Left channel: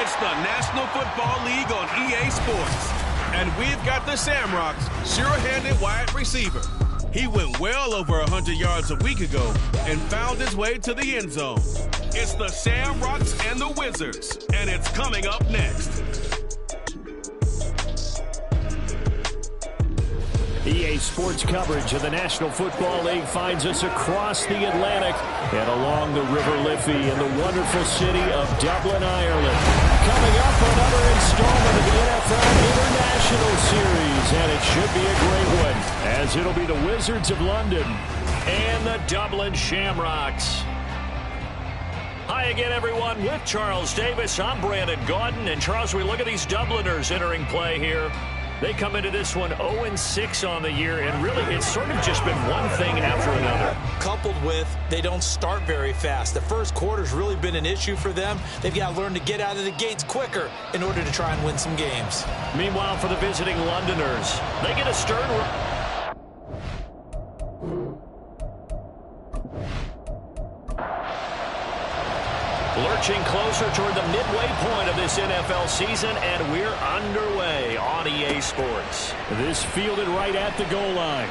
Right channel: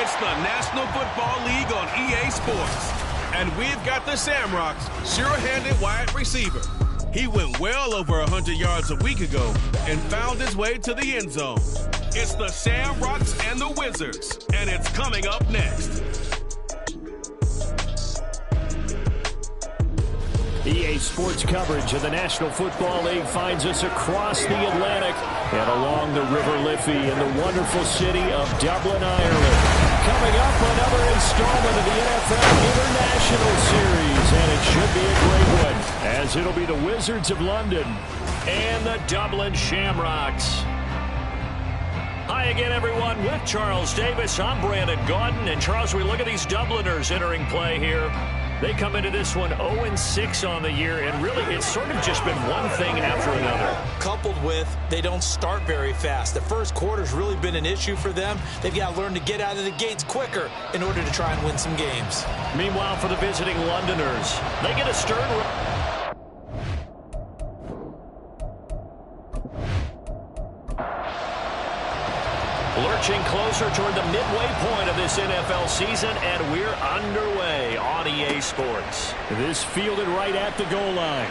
It's the National Football League on EA Sports. And we've got the Shamrocks sure-handed wide receiver. He went well over 100 yards a week ago and found his way to the end zone. It's the Shamrocks and the Wizards, and it's coming up next. EA Sports coverage of the National Football League finds us across the Atlantic and along the River Liffey in the wonderful city of Dublin, Ireland. Coming up, another installment of the NFL International Series, and it should be a great one, as it'll be the Wizards of London and the Dublin Shamrocks. Hi again, everyone. With Charles Davis, I'm Brandon Gaudin. And Charles, we look at these Dubliners entering play here. They come into this one 0-6 on the year, and really it's sort of just been one thing after another. Coupled with they don't start very fast. The first quarter's really been an issue for them. They've got to learn to get out of the gates quicker in order to try and win some games. Meanwhile, for the visiting Londoners, they get a stern run. Lurching closer toward the midway point of this NFL season, and we're underway on EA Sports. This fielded right at the goal line.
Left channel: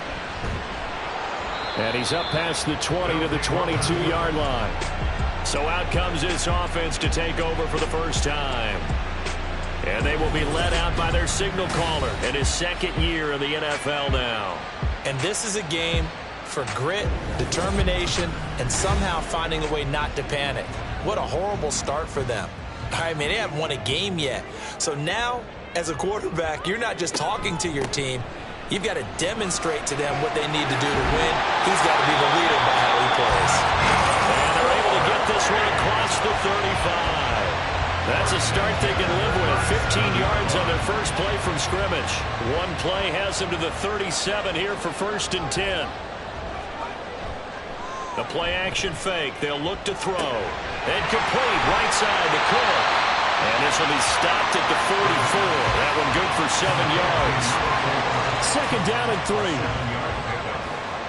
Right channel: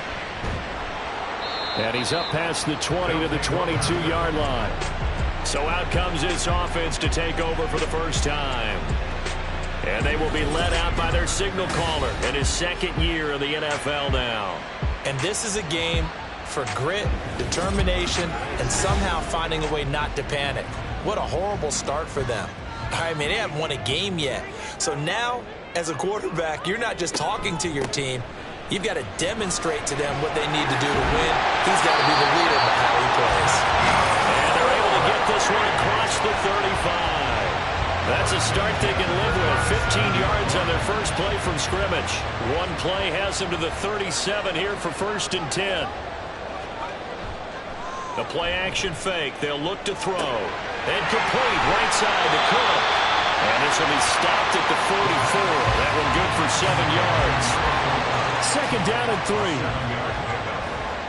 And he's up past the 20 to the 22-yard line. So out comes this offense to take over for the first time. And they will be led out by their signal caller in his second year in the NFL now. And this is a game for grit, determination, and somehow finding a way not to panic. What a horrible start for them. I mean, they haven't won a game yet. So now, as a quarterback, you're not just talking to your team. You've got to demonstrate to them what they need to do to win. He's got to be the leader by how he plays. And they're able to get this one across the 35. That's a start they can live with. 15 yards on their first play from scrimmage. One play has them to the 37 here for 1st and 10. The play-action fake. They'll look to throw. And complete right side to Cook. And this will be stopped at the 44. That one good for 7 yards. Second down and 3.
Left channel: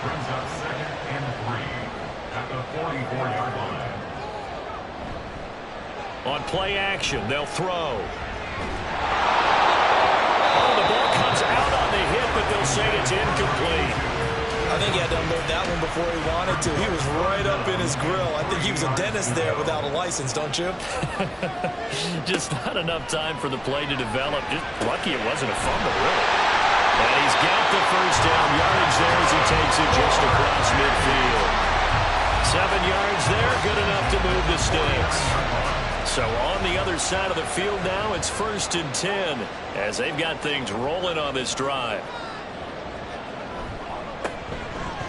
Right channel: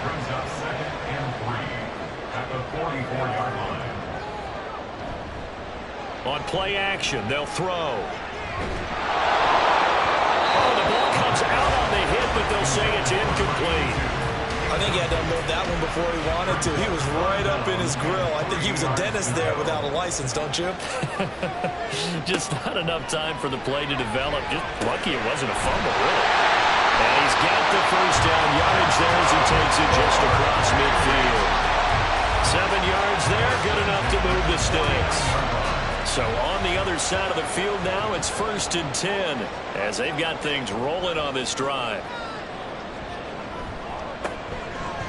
Brings up 2nd and 3 at the 44-yard line. On play action, they'll throw. Oh, the ball comes out on the hit, but they'll say it's incomplete. I think he had to unload that one before he wanted to. He was right up in his grill. I think he was a dentist there without a license, don't you? Just not enough time for the play to develop. Just lucky it wasn't a fumble, really. And he's got the first down yardage there as he takes it just across midfield. 7 yards there, good enough to move the sticks. So on the other side of the field now, it's 1st and 10 as they've got things rolling on this drive.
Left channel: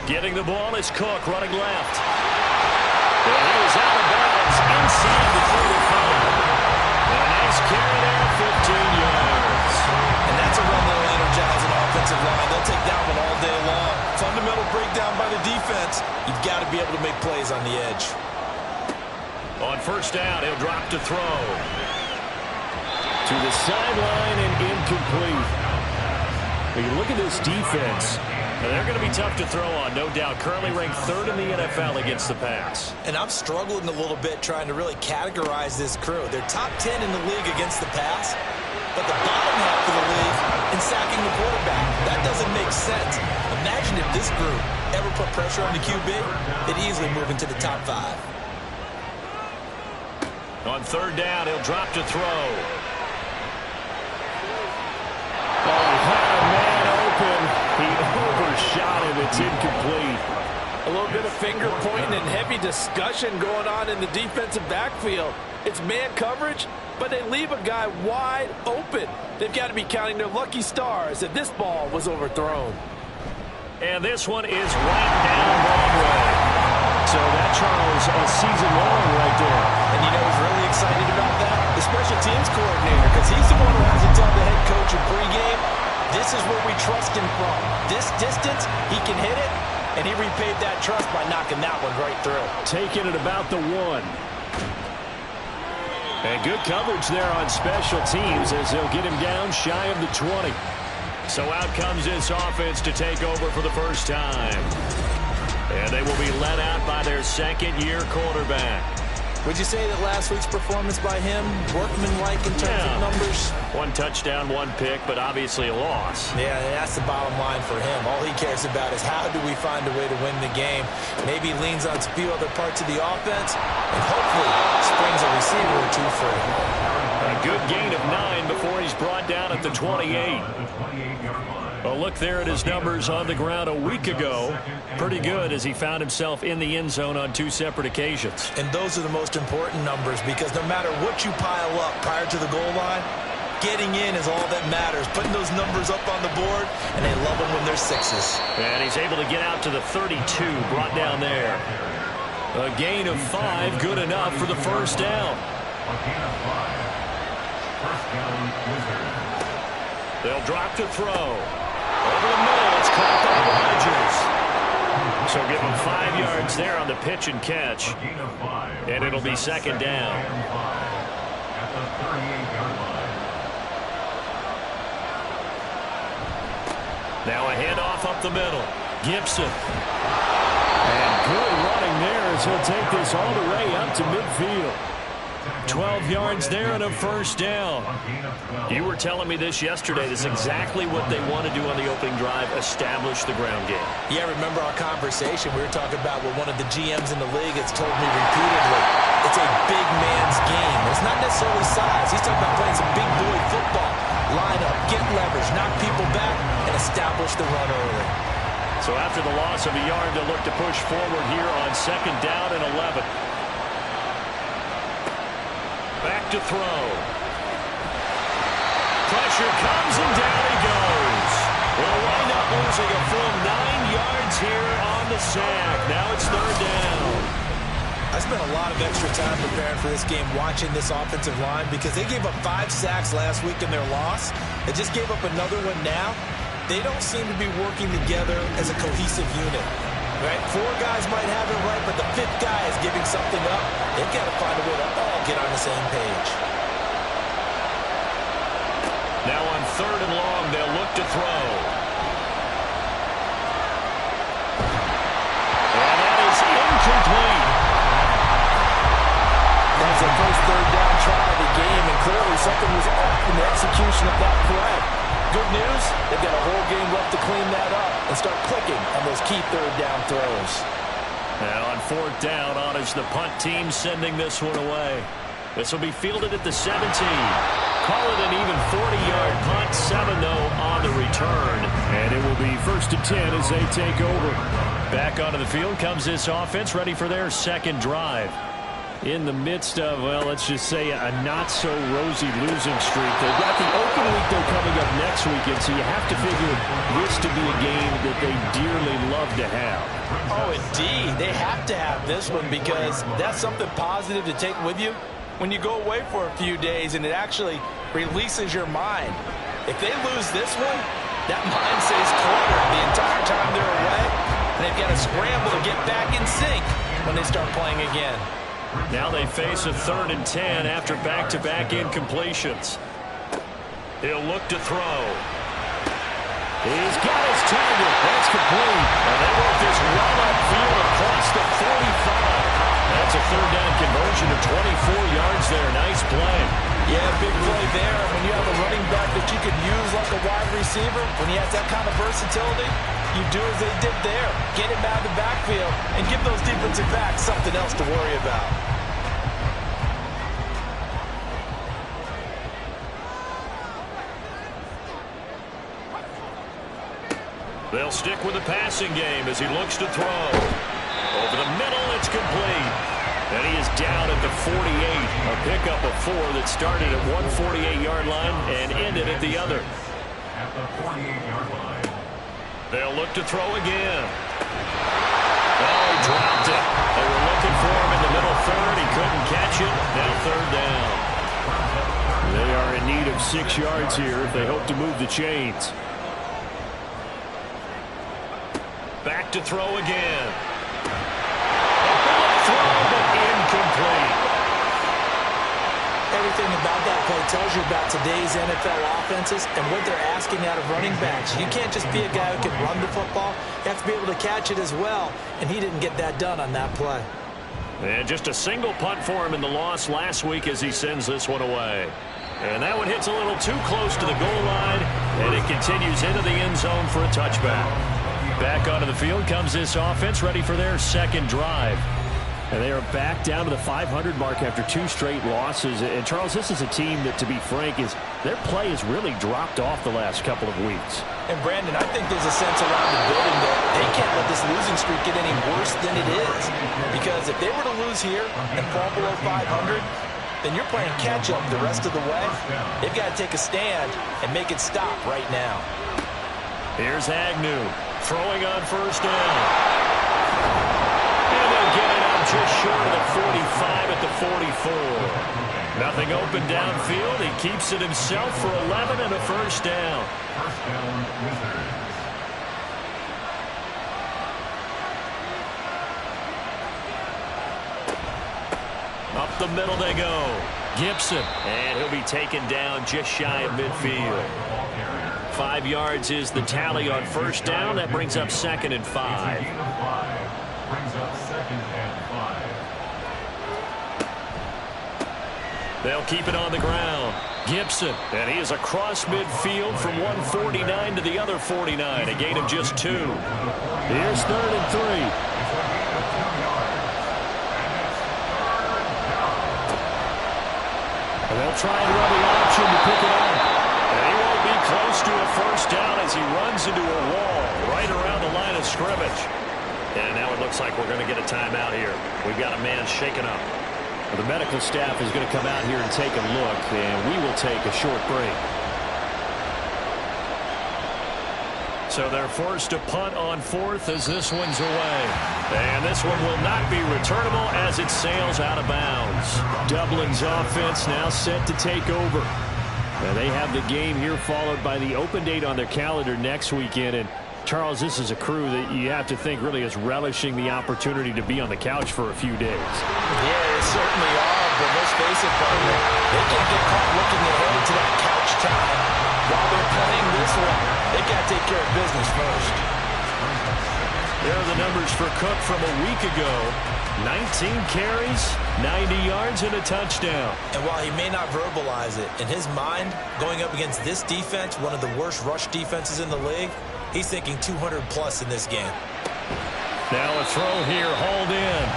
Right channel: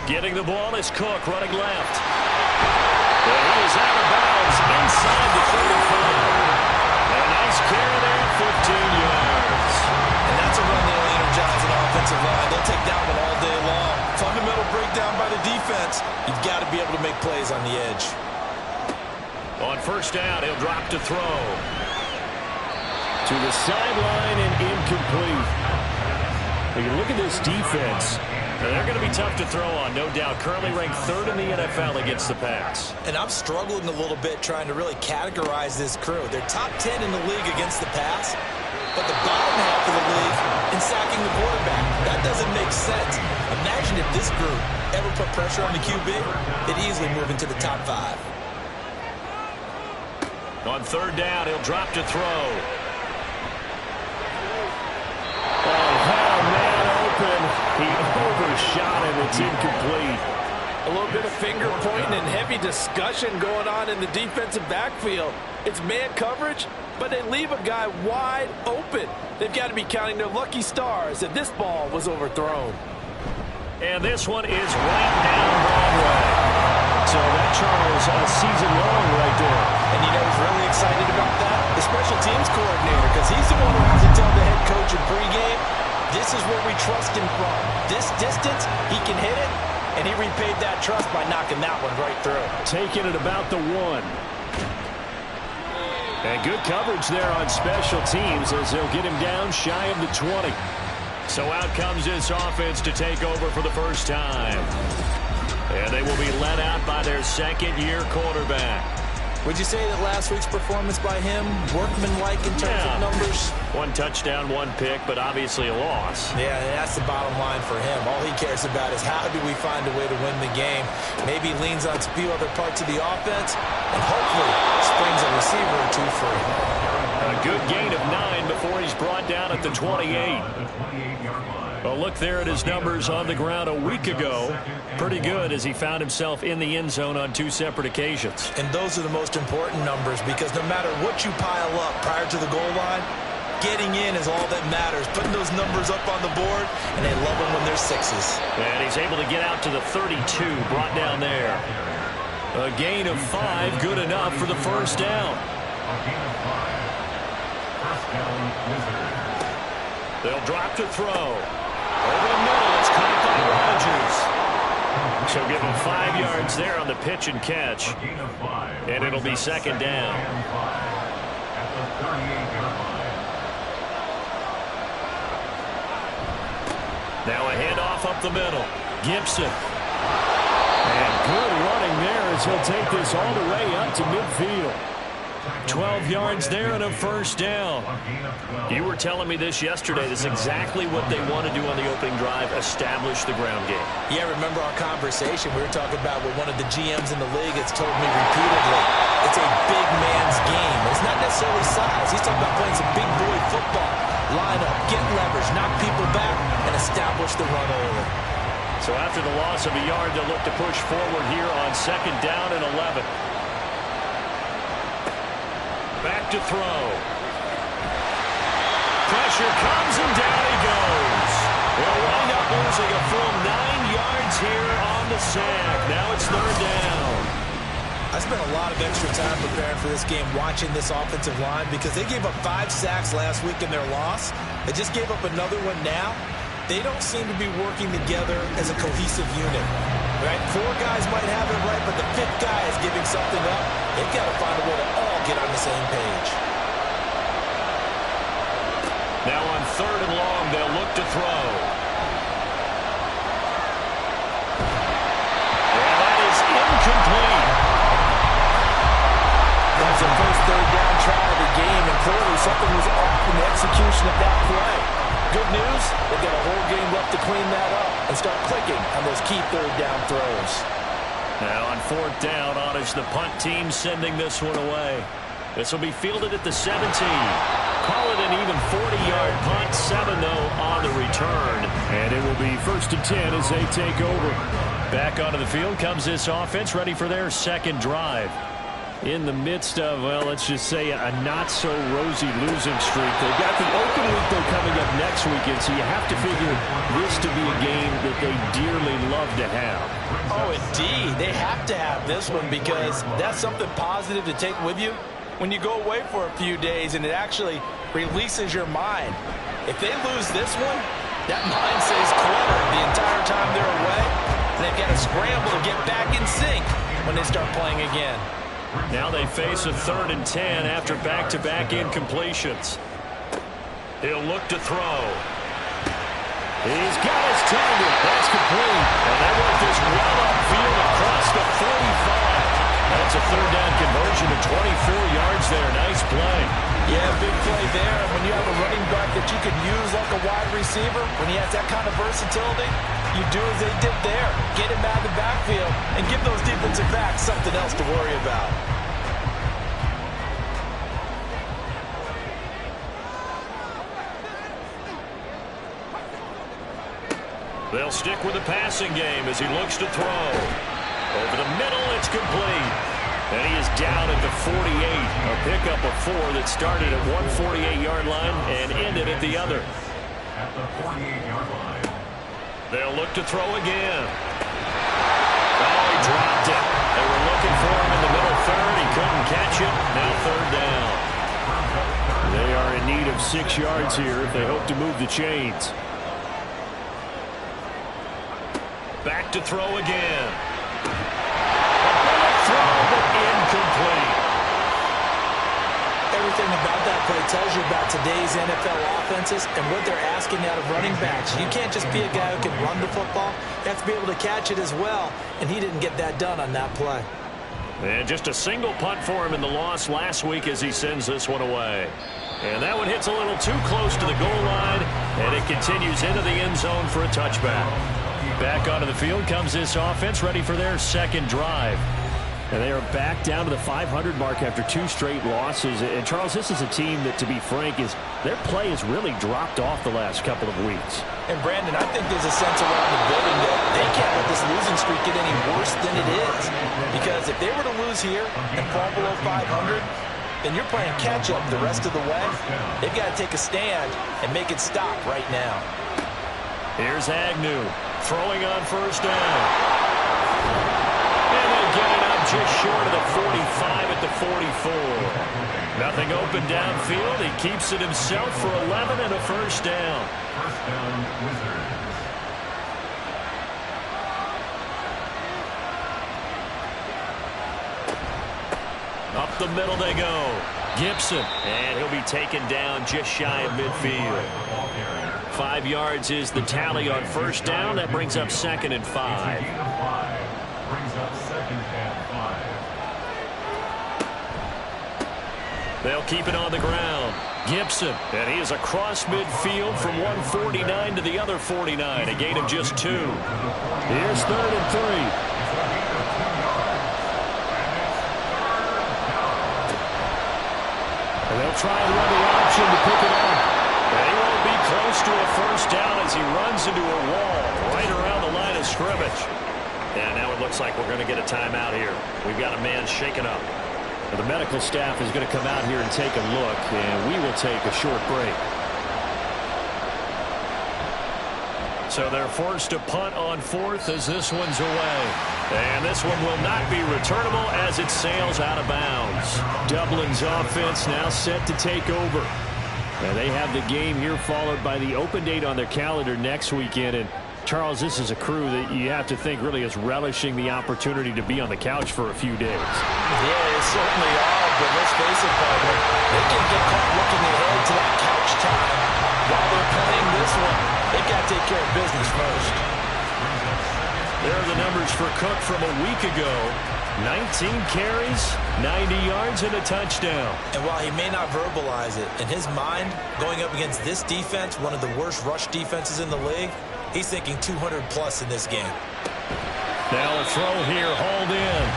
Getting the ball is Cook running left. And he is out of bounds inside the 35. And a nice carry there, 15 yards. And that's a run that'll energize an offensive line. They'll take that one all day long. Fundamental breakdown by the defense. You've got to be able to make plays on the edge. On 1st down, he'll drop to throw. To the sideline and incomplete. When you look at this defense, they're going to be tough to throw on, no doubt. Currently ranked 3rd in the NFL against the pass. And I'm struggling a little bit trying to really categorize this crew. They're top 10 in the league against the pass, but the bottom half of the league in sacking the quarterback. That doesn't make sense. Imagine if this group ever put pressure on the QB, they'd easily move into the top 5. On 3rd down, he'll drop to throw. Oh, he had a man open. He overshot him. It's incomplete. A little bit of finger pointing and heavy discussion going on in the defensive backfield. It's man coverage, but they leave a guy wide open. They've got to be counting their lucky stars if this ball was overthrown. And this one is right down Broadway. So that, Charles, a season long right there. And you know who's really excited about that? The special teams coordinator, because he's the one who has to tell the head coach in pregame, this is where we trust him from. This distance, he can hit it, and he repaid that trust by knocking that one right through. Taking it about the 1. And good coverage there on special teams as they'll get him down shy of the 20. So out comes this offense to take over for the first time. And they will be led out by their second-year quarterback. Would you say that last week's performance by him, workmanlike in terms of numbers? 1 touchdown, 1 pick, but obviously a loss. Yeah, that's the bottom line for him. All he cares about is how do we find a way to win the game. Maybe leans on a few other parts of the offense and hopefully springs a receiver or two free. A good gain of 9 before he's brought down at the 28. A look there at his numbers on the ground a week ago. Pretty good as he found himself in the end zone on 2 separate occasions. And those are the most important numbers because no matter what you pile up prior to the goal line, getting in is all that matters. Putting those numbers up on the board, and they love them when they're 6s. And he's able to get out to the 32, brought down there. A gain of 5, good enough for the first down. A gain of 5. First down, Wizards. They'll drop to throw. Over the middle, it's caught by Rodgers. So give him 5 yards there on the pitch and catch. And it'll be second down. At the 38-yard line. Now a handoff up the middle. Gibson. And good running there as he'll take this all the way up to midfield. 12 yards there and a first down. You were telling me this yesterday. This is exactly what they want to do on the opening drive, establish the ground game. Yeah, remember our conversation. We were talking about what one of the GMs in the league has told me repeatedly. It's a big man's game. It's not necessarily size. He's talking about playing some big boy football. Line up, get leverage, knock people back, and establish the run early. So after the loss of a yard, they'll look to push forward here on second down and 11. Back to throw. Pressure comes and down he goes. They'll wind up losing a full 9 yards here on the sack. Now it's third down. I spent a lot of extra time preparing for this game watching this offensive line because they gave up 5 sacks last week in their loss. They just gave up another one now. They don't seem to be working together as a cohesive unit. Right? 4 guys might have it right, but the 5th guy is giving something up. They've got to find a way to all get on the same page. Now on third and long, they'll look to throw. And that is incomplete. That's the first third down try of the game, and clearly something was off in the execution of that play. Good news, they've got a whole game left to clean that up and start clicking on those key third down throws. Now on fourth down, on is the punt team sending this one away. This will be fielded at the 17. Call it an even 40-yard punt, 7-0 on the return. And it will be 1st and 10 as they take over. Back onto the field comes this offense, ready for their second drive. In the midst of, well, let's just say a not-so-rosy losing streak. They've got the open week, though, coming up next weekend, so you have to figure this to be a game that they dearly love to have. Oh, indeed. They have to have this one because that's something positive to take with you when you go away for a few days, and it actually releases your mind. If they lose this one, that mind stays cluttered the entire time they're away, and they've got to scramble to get back in sync when they start playing again. Now they face a 3rd and 10 after back-to-back incompletions. He'll look to throw. He's got his target. That's complete. And they work this well upfield across the 45. That's a third down conversion of 24 yards there. Nice play. Yeah, big play there. When you have a running back that you can use like a wide receiver, when he has that kind of versatility, you do as they did there. Get him out of the backfield and give those defensive backs something else to worry about. They'll stick with the passing game as he looks to throw. Over the middle, it's complete. And he is down at the 48. A pickup of 4 that started at 148-yard line and ended at the other. At the 48-yard line. They'll look to throw again. Oh, he dropped it. They were looking for him in the middle third. He couldn't catch it. Now third down. They are in need of 6 yards here if they hope to move the chains. Back to throw again. A bullet throw, but incomplete. Everything about that play tells you about today's NFL offenses and what they're asking out of running backs. You can't just be a guy who can run the football. You have to be able to catch it as well, and he didn't get that done on that play. And just a single punt for him in the loss last week as he sends this one away. And that one hits a little too close to the goal line, and it continues into the end zone for a touchback. Back onto the field comes this offense, ready for their second drive. And they are back down to the 500 mark after 2 straight losses. And, Charles, this is a team that, to be frank, their play has really dropped off the last couple of weeks. And, Brandon, I think there's a sense around the building that they can't let this losing streak get any worse than it is. Because if they were to lose here and fall below 500, then you're playing catch-up the rest of the way. They've got to take a stand and make it stop right now. Here's Agnew throwing on first down. And they'll get it up just short of the 45 at the 44. Nothing open downfield. He keeps it himself for 11 and a first down. First down, Wizards. Up the middle they go. Gibson. And he'll be taken down just shy of midfield. 5 yards is the tally on first down. That brings up 2nd and 5. Brings up 2nd and 5. They'll keep it on the ground. Gibson. And he is across midfield from 149 to the other 49. A gain of just 2. Here's 3rd and 3. And they'll try and run the option to pick it up. And he won't be close to a first down as he runs into a wall right around the line of scrimmage. And now it looks like we're going to get a timeout here. We've got a man shaken up. Well, the medical staff is going to come out here and take a look, and we will take a short break. So they're forced to punt on 4th as this one's away. And this one will not be returnable as it sails out of bounds. Dublin's offense now set to take over. And they have the game here followed by the open date on their calendar next weekend. And Charles, this is a crew that you have to think really is relishing the opportunity to be on the couch for a few days. Yeah, they certainly are, but let's face it, partner, they can't get caught looking ahead to that couch time while they're playing this one. They've got to take care of business first. There are the numbers for Cook from a week ago. 19 carries, 90 yards, and a touchdown. And while he may not verbalize it, in his mind, going up against this defense, one of the worst rush defenses in the league, he's thinking 200-plus in this game. Now a throw here, hauled in.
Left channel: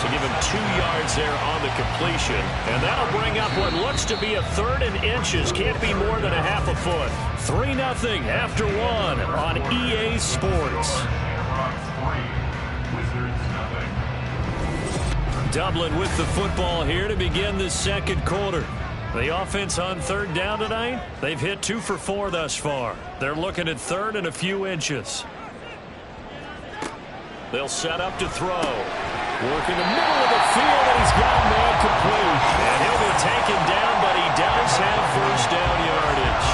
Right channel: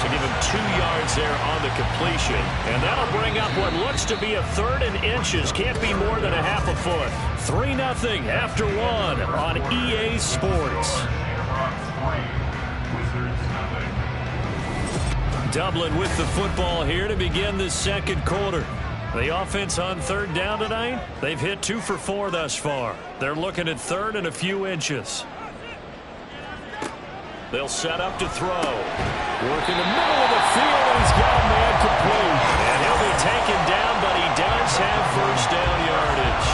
To give him 2 yards there on the completion. And that'll bring up what looks to be a 3rd and inches. Can't be more than a half a foot. 3-0 after 1 on EA Sports. Dublin with the football here to begin the second quarter. The offense on 3rd down tonight, they've hit 2 for 4 thus far. They're looking at 3rd and a few inches. They'll set up to throw. Work in the middle of the field, and he's got a man complete. And he'll be taken down, but he does have first down yardage.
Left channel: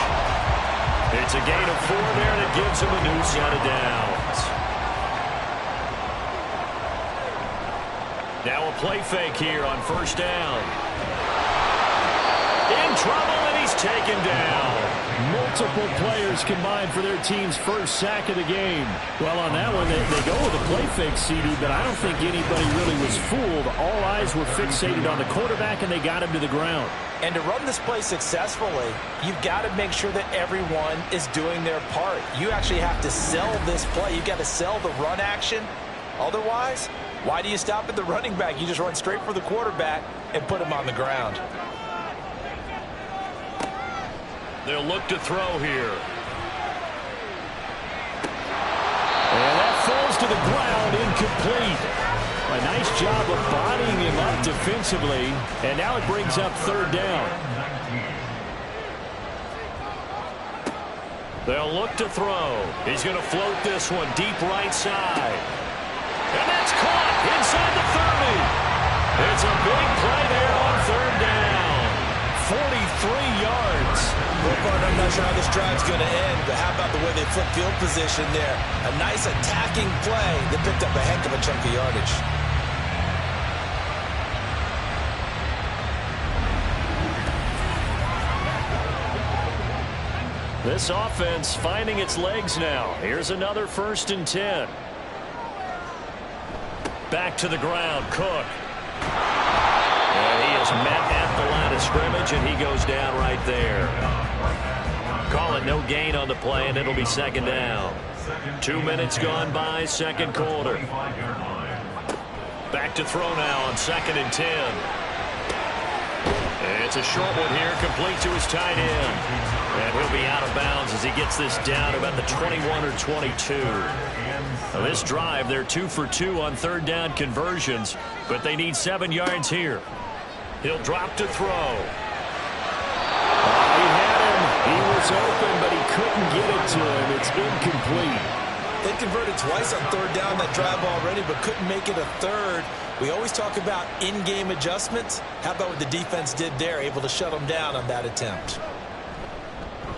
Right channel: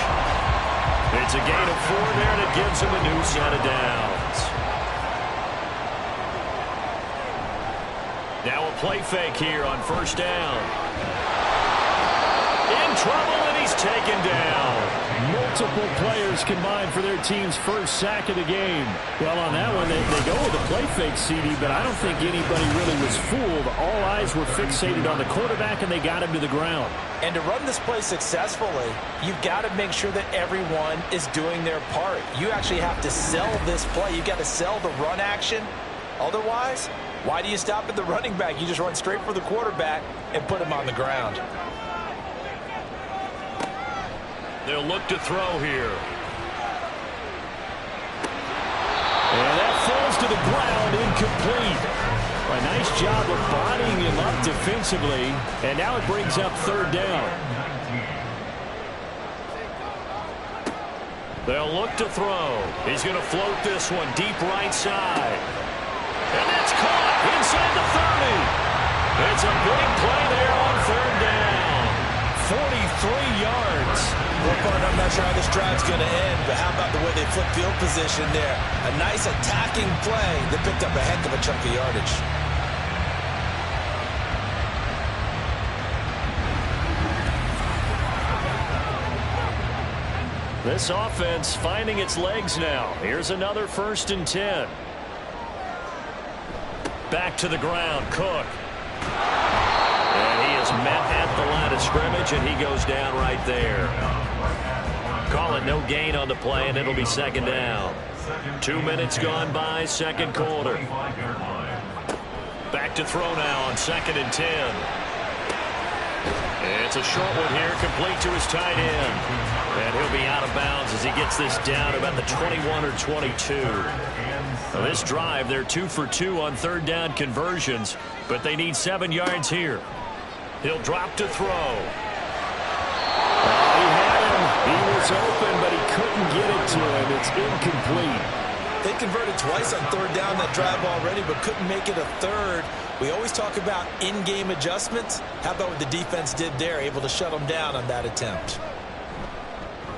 It's a gain of 4 there, and it gives him a new set of downs. Now a play fake here on first down. In trouble, and he's taken down. Multiple players combined for their team's first sack of the game. Well, on that one, they go with a play fake, CD, but I don't think anybody really was fooled. All eyes were fixated on the quarterback, and they got him to the ground. And to run this play successfully, you've got to make sure that everyone is doing their part. You actually have to sell this play. You've got to sell the run action. Otherwise, why do you stop at the running back? You just run straight for the quarterback and put him on the ground. They'll look to throw here. And that falls to the ground, incomplete. A nice job of bodying him up defensively. And now it brings up 3rd down. They'll look to throw. He's going to float this one deep right side. And that's caught inside the 30. It's a big play there on 3rd down. 43 yards. Well, partner, I'm not sure how this drive's going to end, but how about the way they flip field position there? A nice attacking play that picked up a heck of a chunk of yardage. This offense finding its legs now. Here's another 1st and 10. Back to the ground, Cook. And he is met at the line of scrimmage, and he goes down right there. Call it no gain on the play, and it'll be second down. 2 minutes gone by, second quarter. Back to throw now on 2nd and 10. It's a short one here, complete to his tight end. And he'll be out of bounds as he gets this down about the 21 or 22. Now this drive, they're 2 for 2 on third down conversions, but they need 7 yards here. He'll drop to throw. He had him. He was open, but he couldn't get it to him. It's incomplete. They converted twice on third down that drive already, but couldn't make it a third. We always talk about in-game adjustments. How about what the defense did there, able to shut them down on that attempt?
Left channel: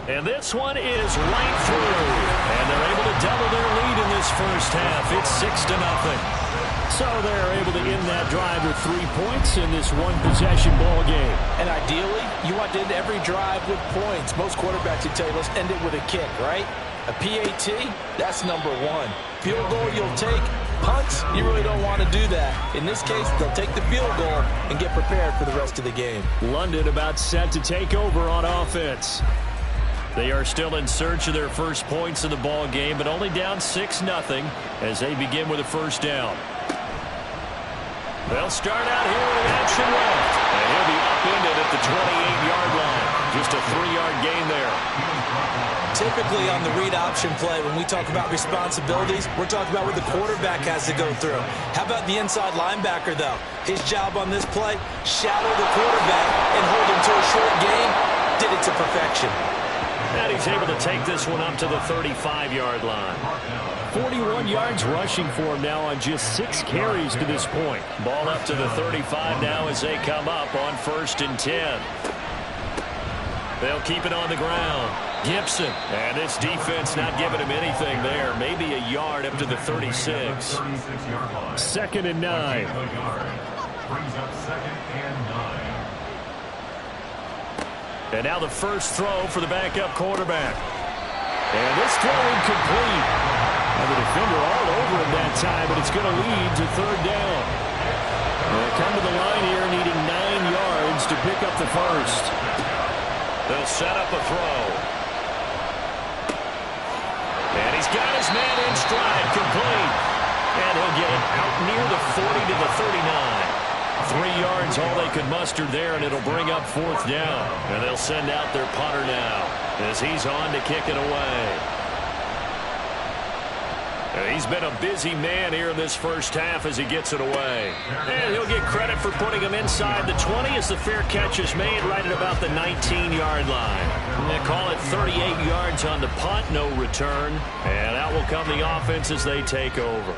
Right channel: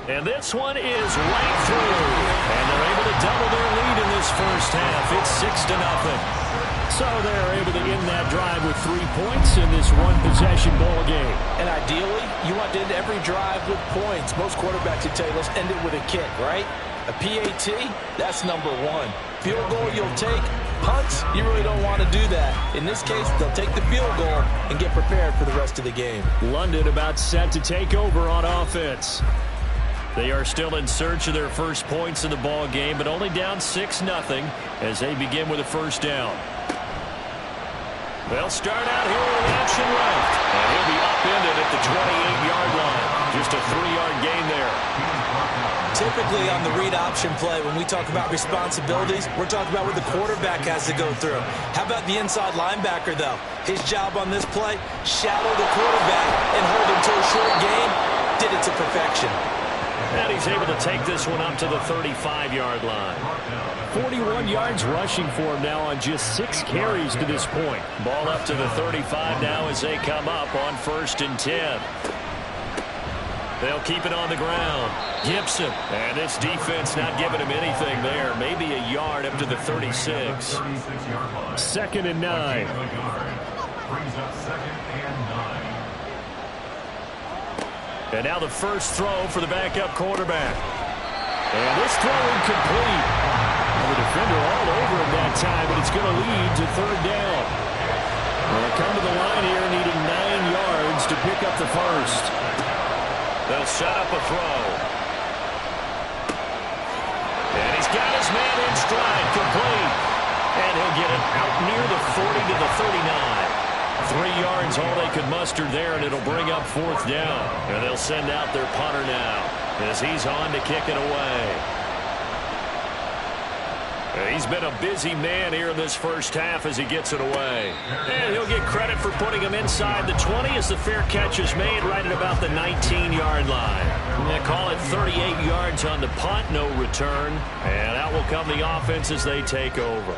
And this one is right through. And they're able to double their lead in this first half. It's 6-0. So they're able to end that drive with 3 points in this one-possession ball game. And ideally, you want to end every drive with points. Most quarterbacks would tell you, let's end it with a kick, right? A PAT, that's number 1. Field goal you'll take. Punts, you really don't want to do that. In this case, they'll take the field goal and get prepared for the rest of the game. London about set to take over on offense. They are still in search of their first points in the ball game, but only down 6-0 as they begin with a first down. They'll start out here with the option left, and he'll be upended at the 28-yard line. Just a 3-yard gain there. Typically on the read option play, when we talk about responsibilities, we're talking about what the quarterback has to go through. How about the inside linebacker, though? His job on this play, shadow the quarterback and hold him to a short gain. Did it to perfection. And he's able to take this one up to the 35-yard line. 41 yards rushing for him now on just 6 carries to this point. Ball up to the 35 now as they come up on 1st and 10. They'll keep it on the ground. Gibson. And this defense not giving him anything there. Maybe a yard up to the 36. 2nd and 9. Brings up 2nd and 9. And now the first throw for the backup quarterback. And this throw incomplete. And the defender all over him that time, but it's going to lead to 3rd down. They'll come to the line here needing 9 yards to pick up the first. They'll set up a throw. And he's got his man in stride, complete. And he'll get it out near the 40 to the 39. 3 yards all they could muster there, and it'll bring up 4th down. And they'll send out their punter now as he's on to kick it away. He's been a busy man here in this first half as he gets it away. And he'll get credit for putting him inside the 20 as the fair catch is made right at about the 19-yard line. They call it 38 yards on the punt, no return. And out will come the offense as they take over.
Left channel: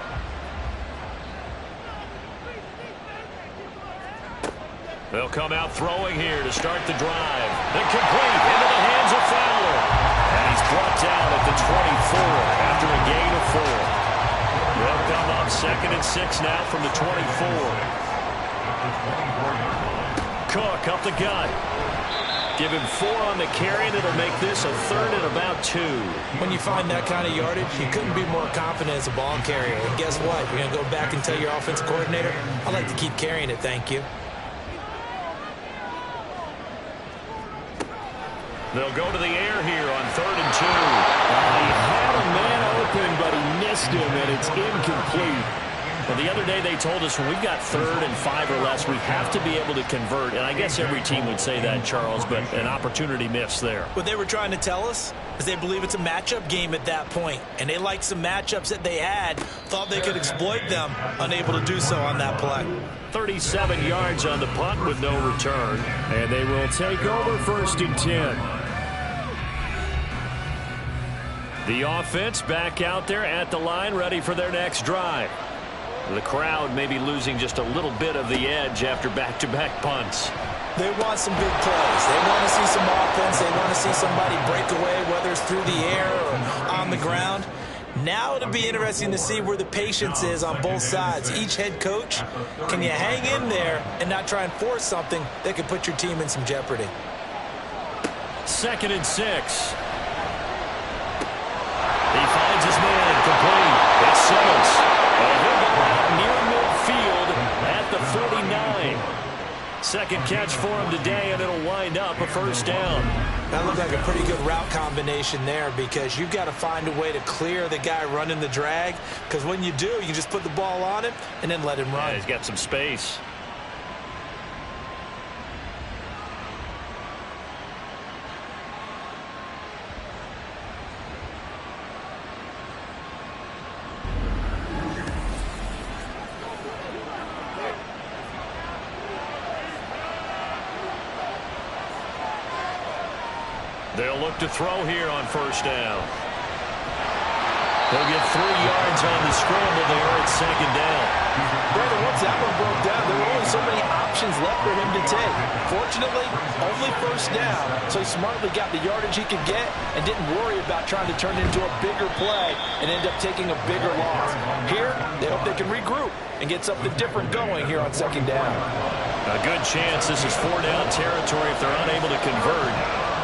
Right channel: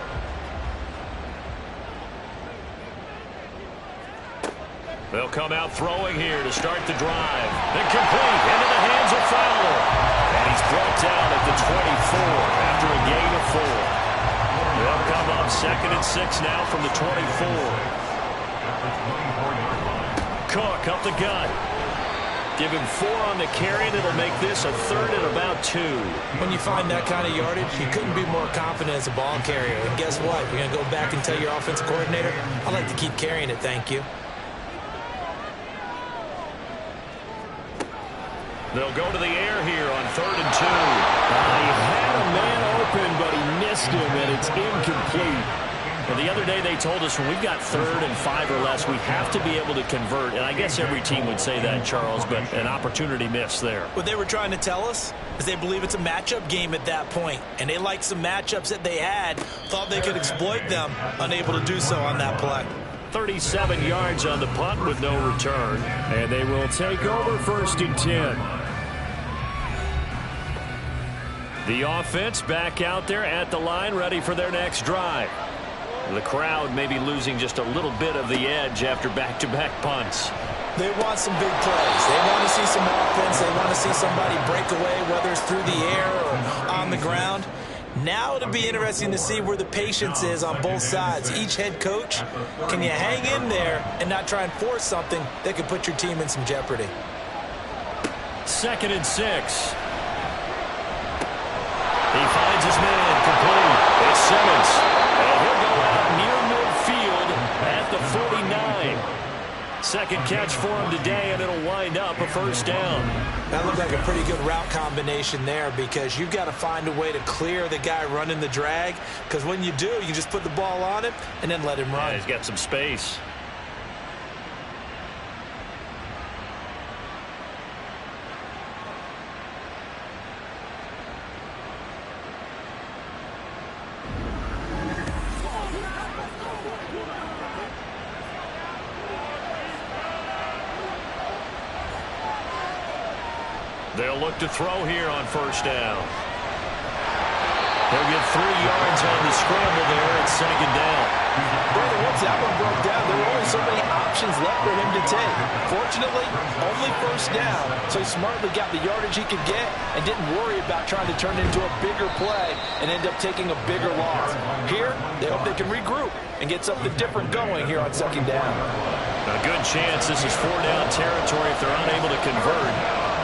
They'll come out throwing here to start the drive. Then complete into the hands of Fowler. And he's brought down at the 24 after a gain of 4. They'll come up 2nd and 6 now from the 24. Cook up the gut. Give him 4 on the carry, and it'll make this a 3rd and about 2. When you find that kind of yardage, you couldn't be more confident as a ball carrier. And guess what? You're going to go back and tell your offensive coordinator, I'd like to keep carrying it, thank you. They'll go to the air here on 3rd and 2. He had a man open, but he missed him, and it's incomplete. Well, the other day they told us when we've got 3rd and 5 or less, we have to be able to convert. And I guess every team would say that, Charles, but an opportunity missed there. What they were trying to tell us is they believe it's a matchup game at that point. And they liked some matchups that they had, thought they could exploit them, unable to do so on that play. 37 yards on the punt with no return. And they will take over 1st and 10. The offense back out there at the line, ready for their next drive. The crowd may be losing just a little bit of the edge after back-to-back punts. They want some big plays. They want to see some offense. They want to see somebody break away, whether it's through the air or on the ground. Now it'll be interesting to see where the patience is on both sides. Each head coach, can you hang in there and not try and force something that could put your team in some jeopardy? 2nd and 6. He finds his man complete. It's Simmons. And he'll go out near 49. Second catch for him today, and it'll wind up a first down. That looked like a pretty good route combination there, because you've got to find a way to clear the guy running the drag, because when you do, you can just put the ball on him and then let him run. Yeah, he's got some space. They'll look to throw here on first down. They'll get 3 yards on the scramble there at second down. Brandon, once that one broke down, there were only so many options left for him to take. Fortunately, only first down, so he smartly got the yardage he could get and didn't worry about trying to turn it into a bigger play and end up taking a bigger loss. Here, they hope they can regroup and get something different going here on second down. A good chance this is 4-down territory if they're unable to convert.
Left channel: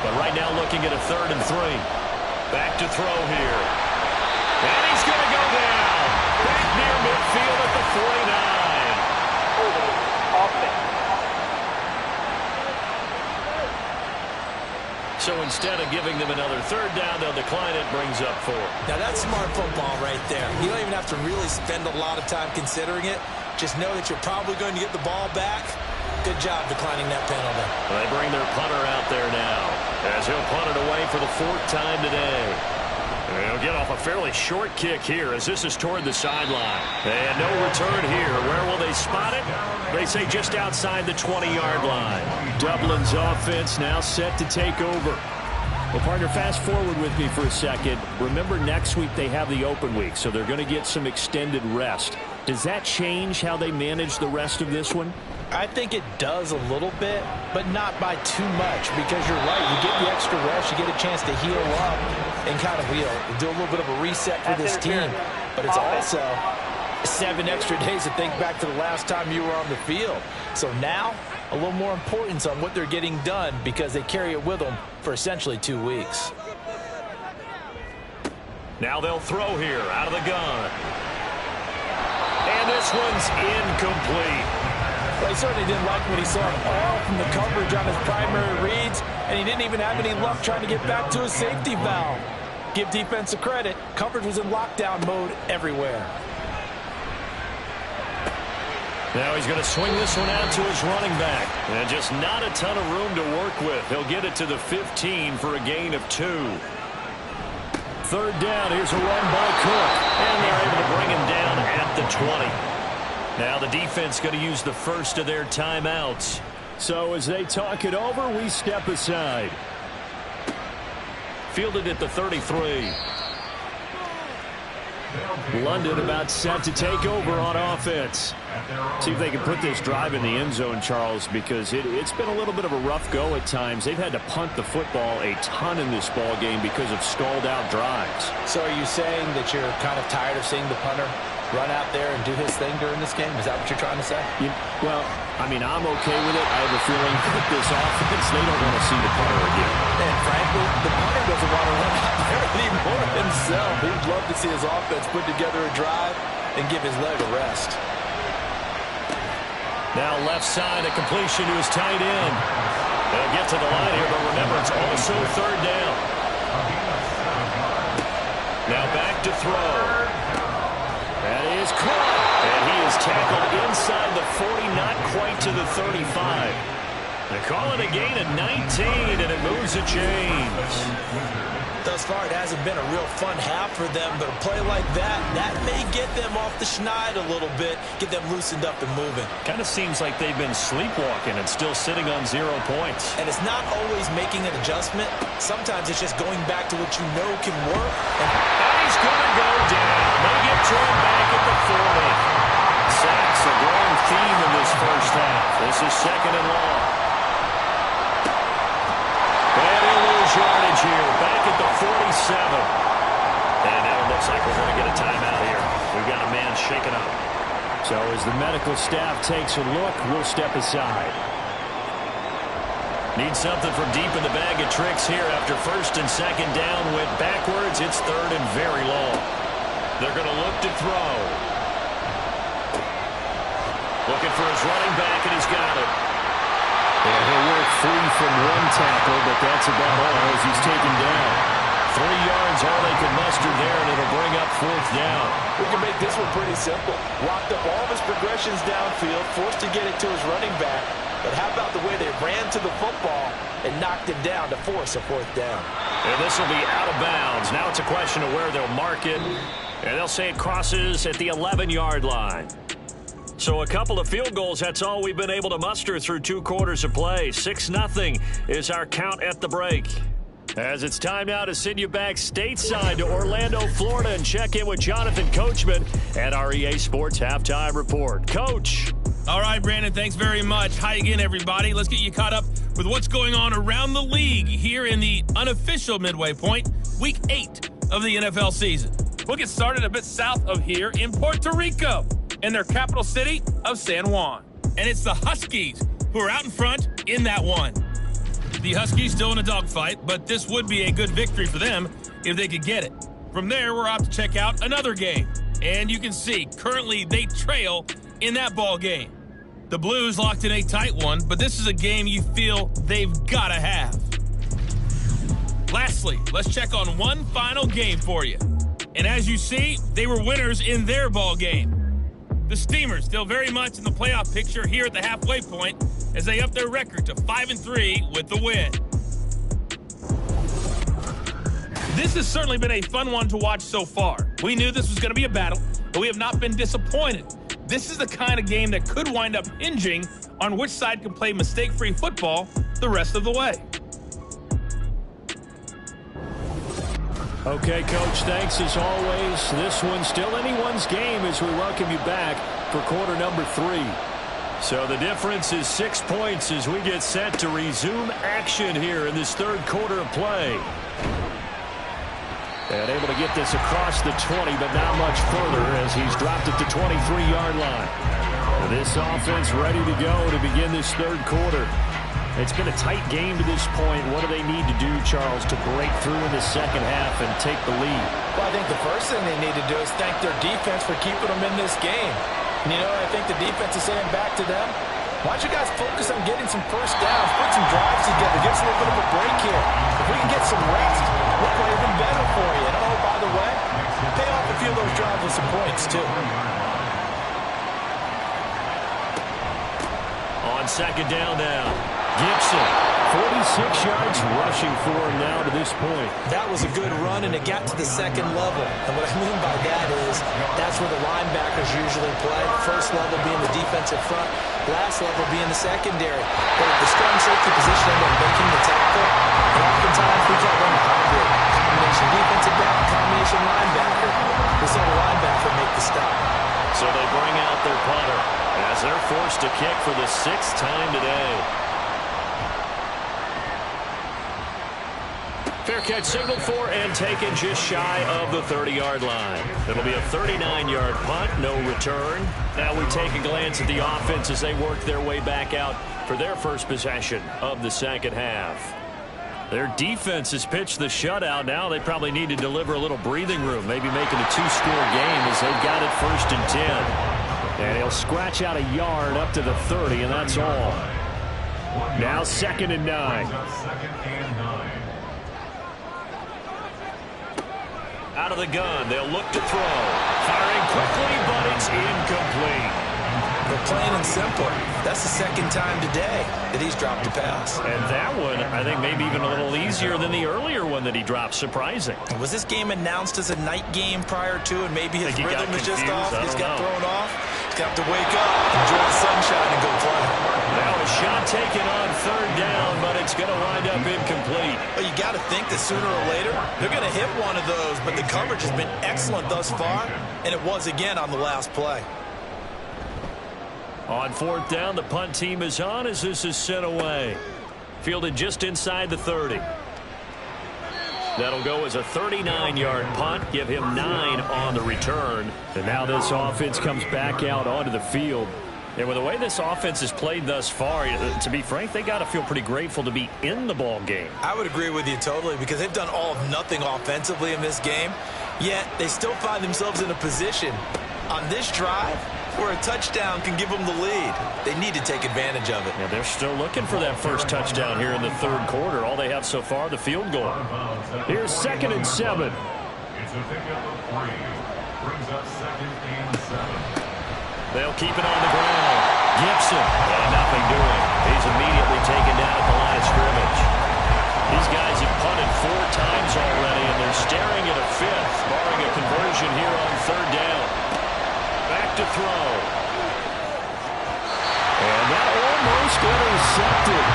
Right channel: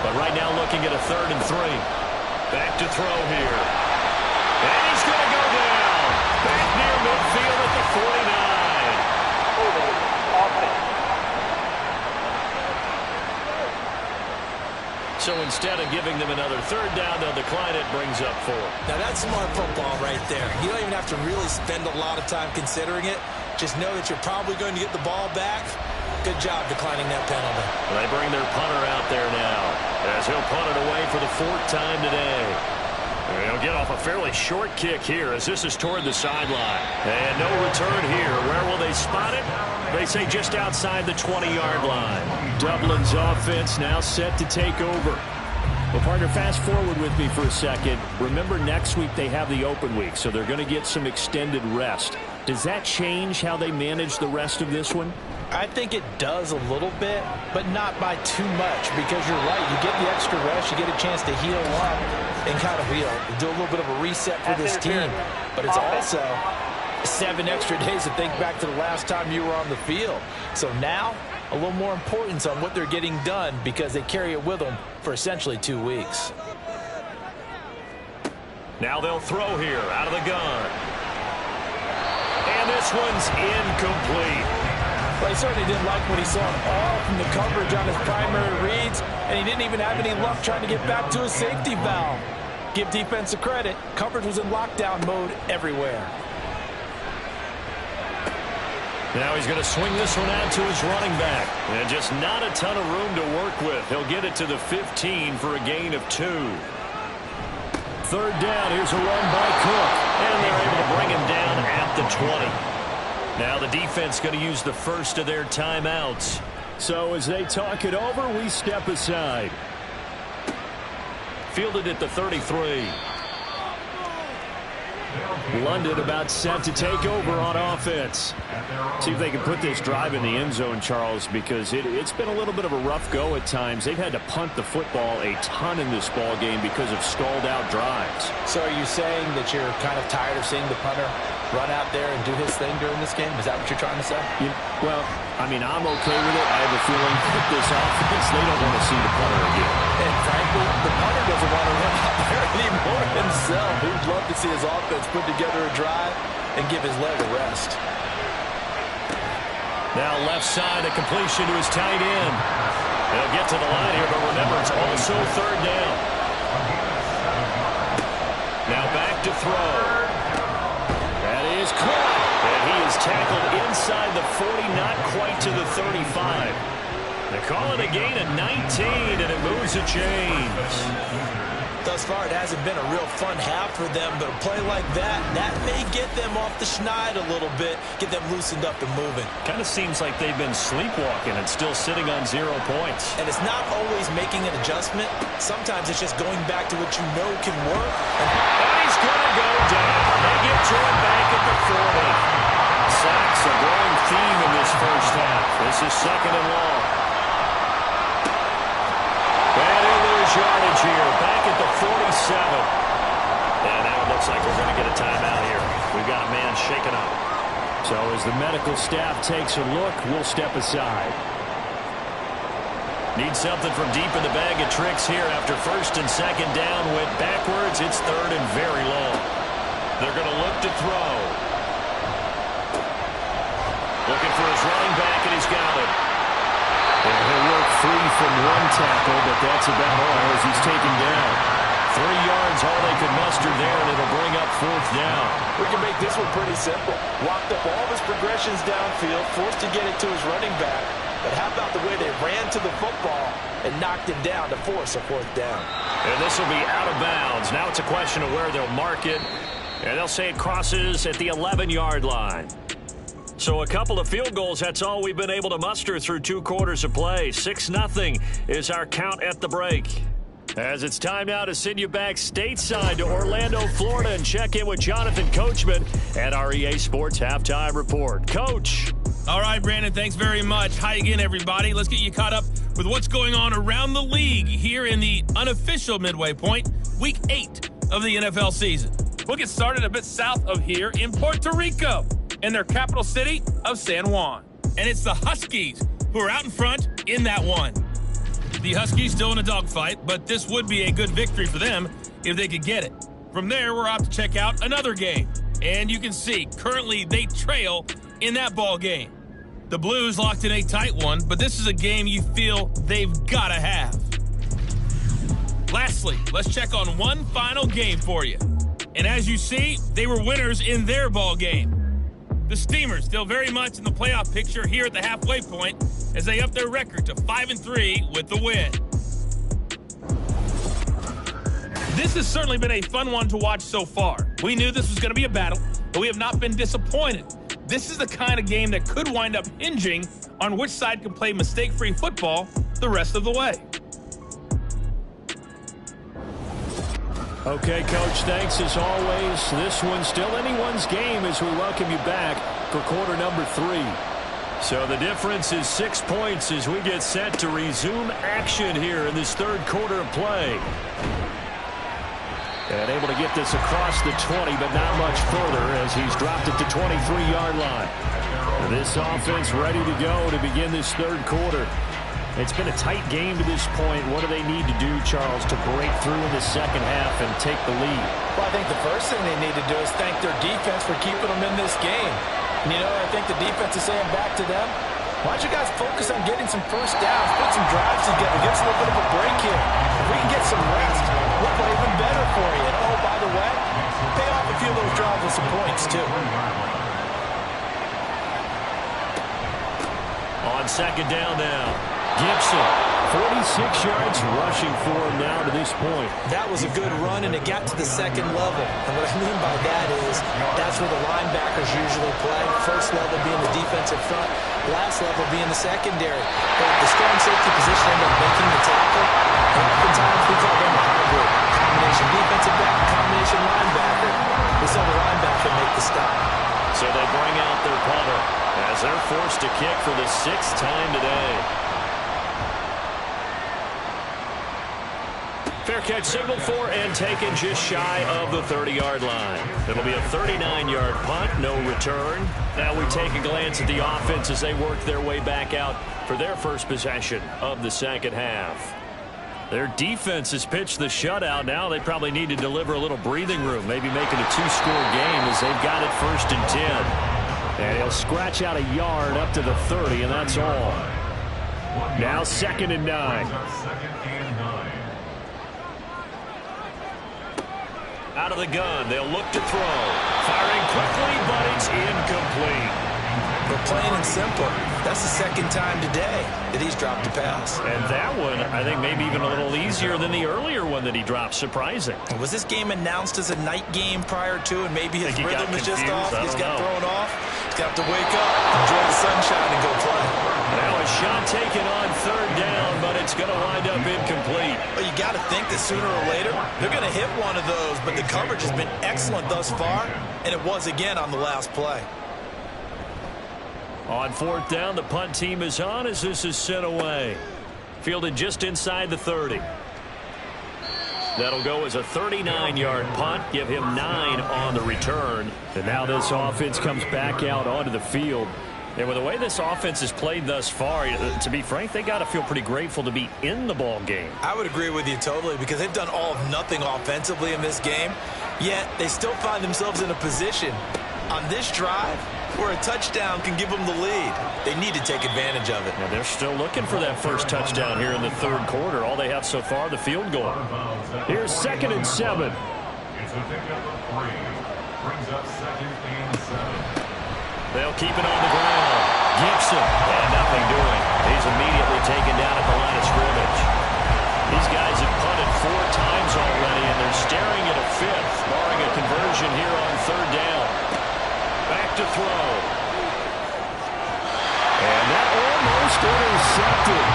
But right now looking at a 3rd and 3. Back to throw here. And he's going to go down. Back near midfield at the 49. Holding offense. So instead of giving them another 3rd down, they'll decline it, brings up 4. Now that's smart football right there. You don't even have to really spend a lot of time considering it. Just know that you're probably going to get the ball back. Good job declining that penalty. They bring their punter out there now, as he'll punt it away for the 4th time today. He'll get off a fairly short kick here, as this is toward the sideline. And no return here. Where will they spot it? They say just outside the 20-yard line. Dublin's offense now set to take over. Well, partner, fast forward with me for a second. Remember, next week they have the open week, so they're going to get some extended rest. Does that change how they manage the rest of this one? I think it does a little bit, but not by too much, because you're right. You get the extra rest, you get a chance to heal up and kind of do a little bit of a reset for this team. But it's also 7 extra days to think back to the last time you were on the field. So now, a little more importance on what they're getting done, because they carry it with them for essentially 2 weeks. Now they'll throw here out of the gun. And this one's incomplete. Well, he certainly didn't like what he saw at all from the coverage on his primary reads, and he didn't even have any luck trying to get back to his safety valve. Give defense a credit. Coverage was in lockdown mode everywhere. Now he's going to swing this one out to his running back. And just not a ton of room to work with. He'll get it to the 15 for a gain of 2. 3rd down. Here's a run by Cook. And they're able to bring him down at the 20. Now the defense going to use the first of their timeouts. So as they talk it over, we step aside. Fielded at the 33. London about set to take over on offense. See if they can put this drive in the end zone, Charles, because it's been a little bit of a rough go at times. They've had to punt the football a ton in this ball game because of stalled out drives. So are you saying that you're kind of tired of seeing the punter run out there and do his thing during this game? Is that what you're trying to say? Well, I mean, I'm okay with it. I have a feeling with this offense, they don't want to see the punter again. And frankly, the punter doesn't want to run out there anymore himself. He'd love to see his offense put together a drive and give his leg a rest. Now left side, a completion to his tight end. They'll get to the line here, but remember, it's also 3rd down. Now back to throw. That is caught. And he is tackled inside the 40, not quite to the 35. They call it a gain of 19, and it moves the chains. Thus far, it hasn't been a real fun half for them, but a play like that may get them off the schneid a little bit, get them loosened up and moving. Kind of seems like they've been sleepwalking and still sitting on 0 points. And it's not always making an adjustment. Sometimes it's just going back to what you know can work. And he's going to go down. They get to him back at the 40. Sacks a growing theme in this first half. This is 2nd and long. And he'll lose yardage here, back at the 47. And now it looks like we're going to get a timeout here. We've got a man shaken up. So as the medical staff takes a look, we'll step aside. Need something from deep in the bag of tricks here after 1st and 2nd down. Went backwards. It's 3rd and very long. They're going to look to throw. Looking for his running back, and he's got it. And he'll work free from one tackle, but that's about all as he's taken down. 3 yards, all they could muster there, and it'll bring up 4th down. We can make this one pretty simple. Walked up all of his progressions downfield, forced to get it to his running back. But how about the way they ran to the football and knocked it down to force a 4th down? And this will be out of bounds. Now it's a question of where they'll mark it. And they'll say it crosses at the 11-yard line. So a couple of field goals, that's all we've been able to muster through 2 quarters of play. 6-0 is our count at the break. As it's time now to send you back stateside to Orlando, Florida, and check in with Jonathan Coachman at our EA Sports Halftime Report. Coach. All right, Brandon, thanks very much. Hi again, everybody. Let's get you caught up with what's going on around the league here in the unofficial midway point, Week 8 of the NFL season. We'll get started a bit south of here in Puerto Rico, in their capital city of San Juan. And it's the Huskies who are out in front in that one. The Huskies still in a dogfight, but this would be a good victory for them if they could get it. From there, we're off to check out another game. And you can see, currently they trail in that ball game. The Blues locked in a tight one, but this is a game you feel they've got to have. Lastly, let's check on one final game for you. And as you see, they were winners in their ball game. The Steamers still very much in the playoff picture here at the halfway point as they up their record to 5-3 with the win. This has certainly been a fun one to watch so far. We knew this was going to be a battle, but we have not been disappointed. This is the kind of game that could wind up hinging on which side can play mistake-free football the rest of the way. Okay, Coach, thanks as always. This one's still anyone's game as we welcome you back for quarter number 3. So the difference is 6 points as we get set to resume action here in this 3rd quarter of play. And able to get this across the 20, but not much further as he's dropped it to 23-yard line. And this offense ready to go to begin this 3rd quarter. It's been a tight game to this point. What do they need to do, Charles, to break through in the second half and take the lead? Well, I think the first thing they need to do is thank their defense for keeping them in this game. And, you know, I think the defense is saying back to them, why don't you guys focus on getting some first downs, put some drives together, give us a little bit of a break here. If we can get some rest, we'll play even better for you. And, oh, by the way, pay off a few of those drives with some points, too. On second down now. Gibson, 46 yards rushing for him now to this point. That was a good run, and it got to the second level. And what I mean by that is that's where the linebackers usually play. First level being the defensive front, last level being the secondary. But the strong safety position ended up making the tackle. And oftentimes we call them a hybrid. Combination defensive back, combination linebacker. We saw the linebacker make the stop. So they bring out their punter as they're forced to kick for the 6th time today. Fair catch signaled for and taken just shy of the 30-yard line. It'll be a 39-yard punt, no return. Now we take a glance at the offense as they work their way back out for their first possession of the second half. Their defense has pitched the shutout. Now they probably need to deliver a little breathing room, maybe make it a 2-score game as they've got it 1st and 10. And he'll scratch out a yard up to the 30, and that's all. Now 2nd and 9. Out of the gun, they'll look to throw. Firing quickly, but it's incomplete. But plain and simple, that's the 2nd time today that he's dropped a pass. And that one, I think, maybe even a little easier than the earlier one that he dropped. Surprising. Was this game announced as a night game prior to, and maybe his rhythm is just off? He's got thrown off. He's got to wake up, enjoy the sunshine, and go play. Now a shot taken on 3rd down, but it's going to wind up incomplete. Well, you got to think that sooner or later, they're going to hit one of those, but the coverage has been excellent thus far, and it was again on the last play. On 4th down, the punt team is on as this is sent away. Fielded just inside the 30. That'll go as a 39-yard punt, give him 9 on the return. And now this offense comes back out onto the field. And with the way this offense has played thus far, to be frank, they got to feel pretty grateful to be in the ball game. I would agree with you totally because they've done all of nothing offensively in this game, yet they still find themselves in a position on this drive where a touchdown can give them the lead. They need to take advantage of it. Yeah, they're still looking for that first touchdown here in the third quarter. All they have so far, the field goal. Here's 2nd and 7. It's a pickup of 3. Brings up 2nd and 7. They'll keep it on the ground. Gibson, and nothing doing. He's immediately taken down at the line of scrimmage. These guys have punted 4 times already, and they're staring at a 5th, barring a conversion here on 3rd down. Back to throw. And that almost intercepted.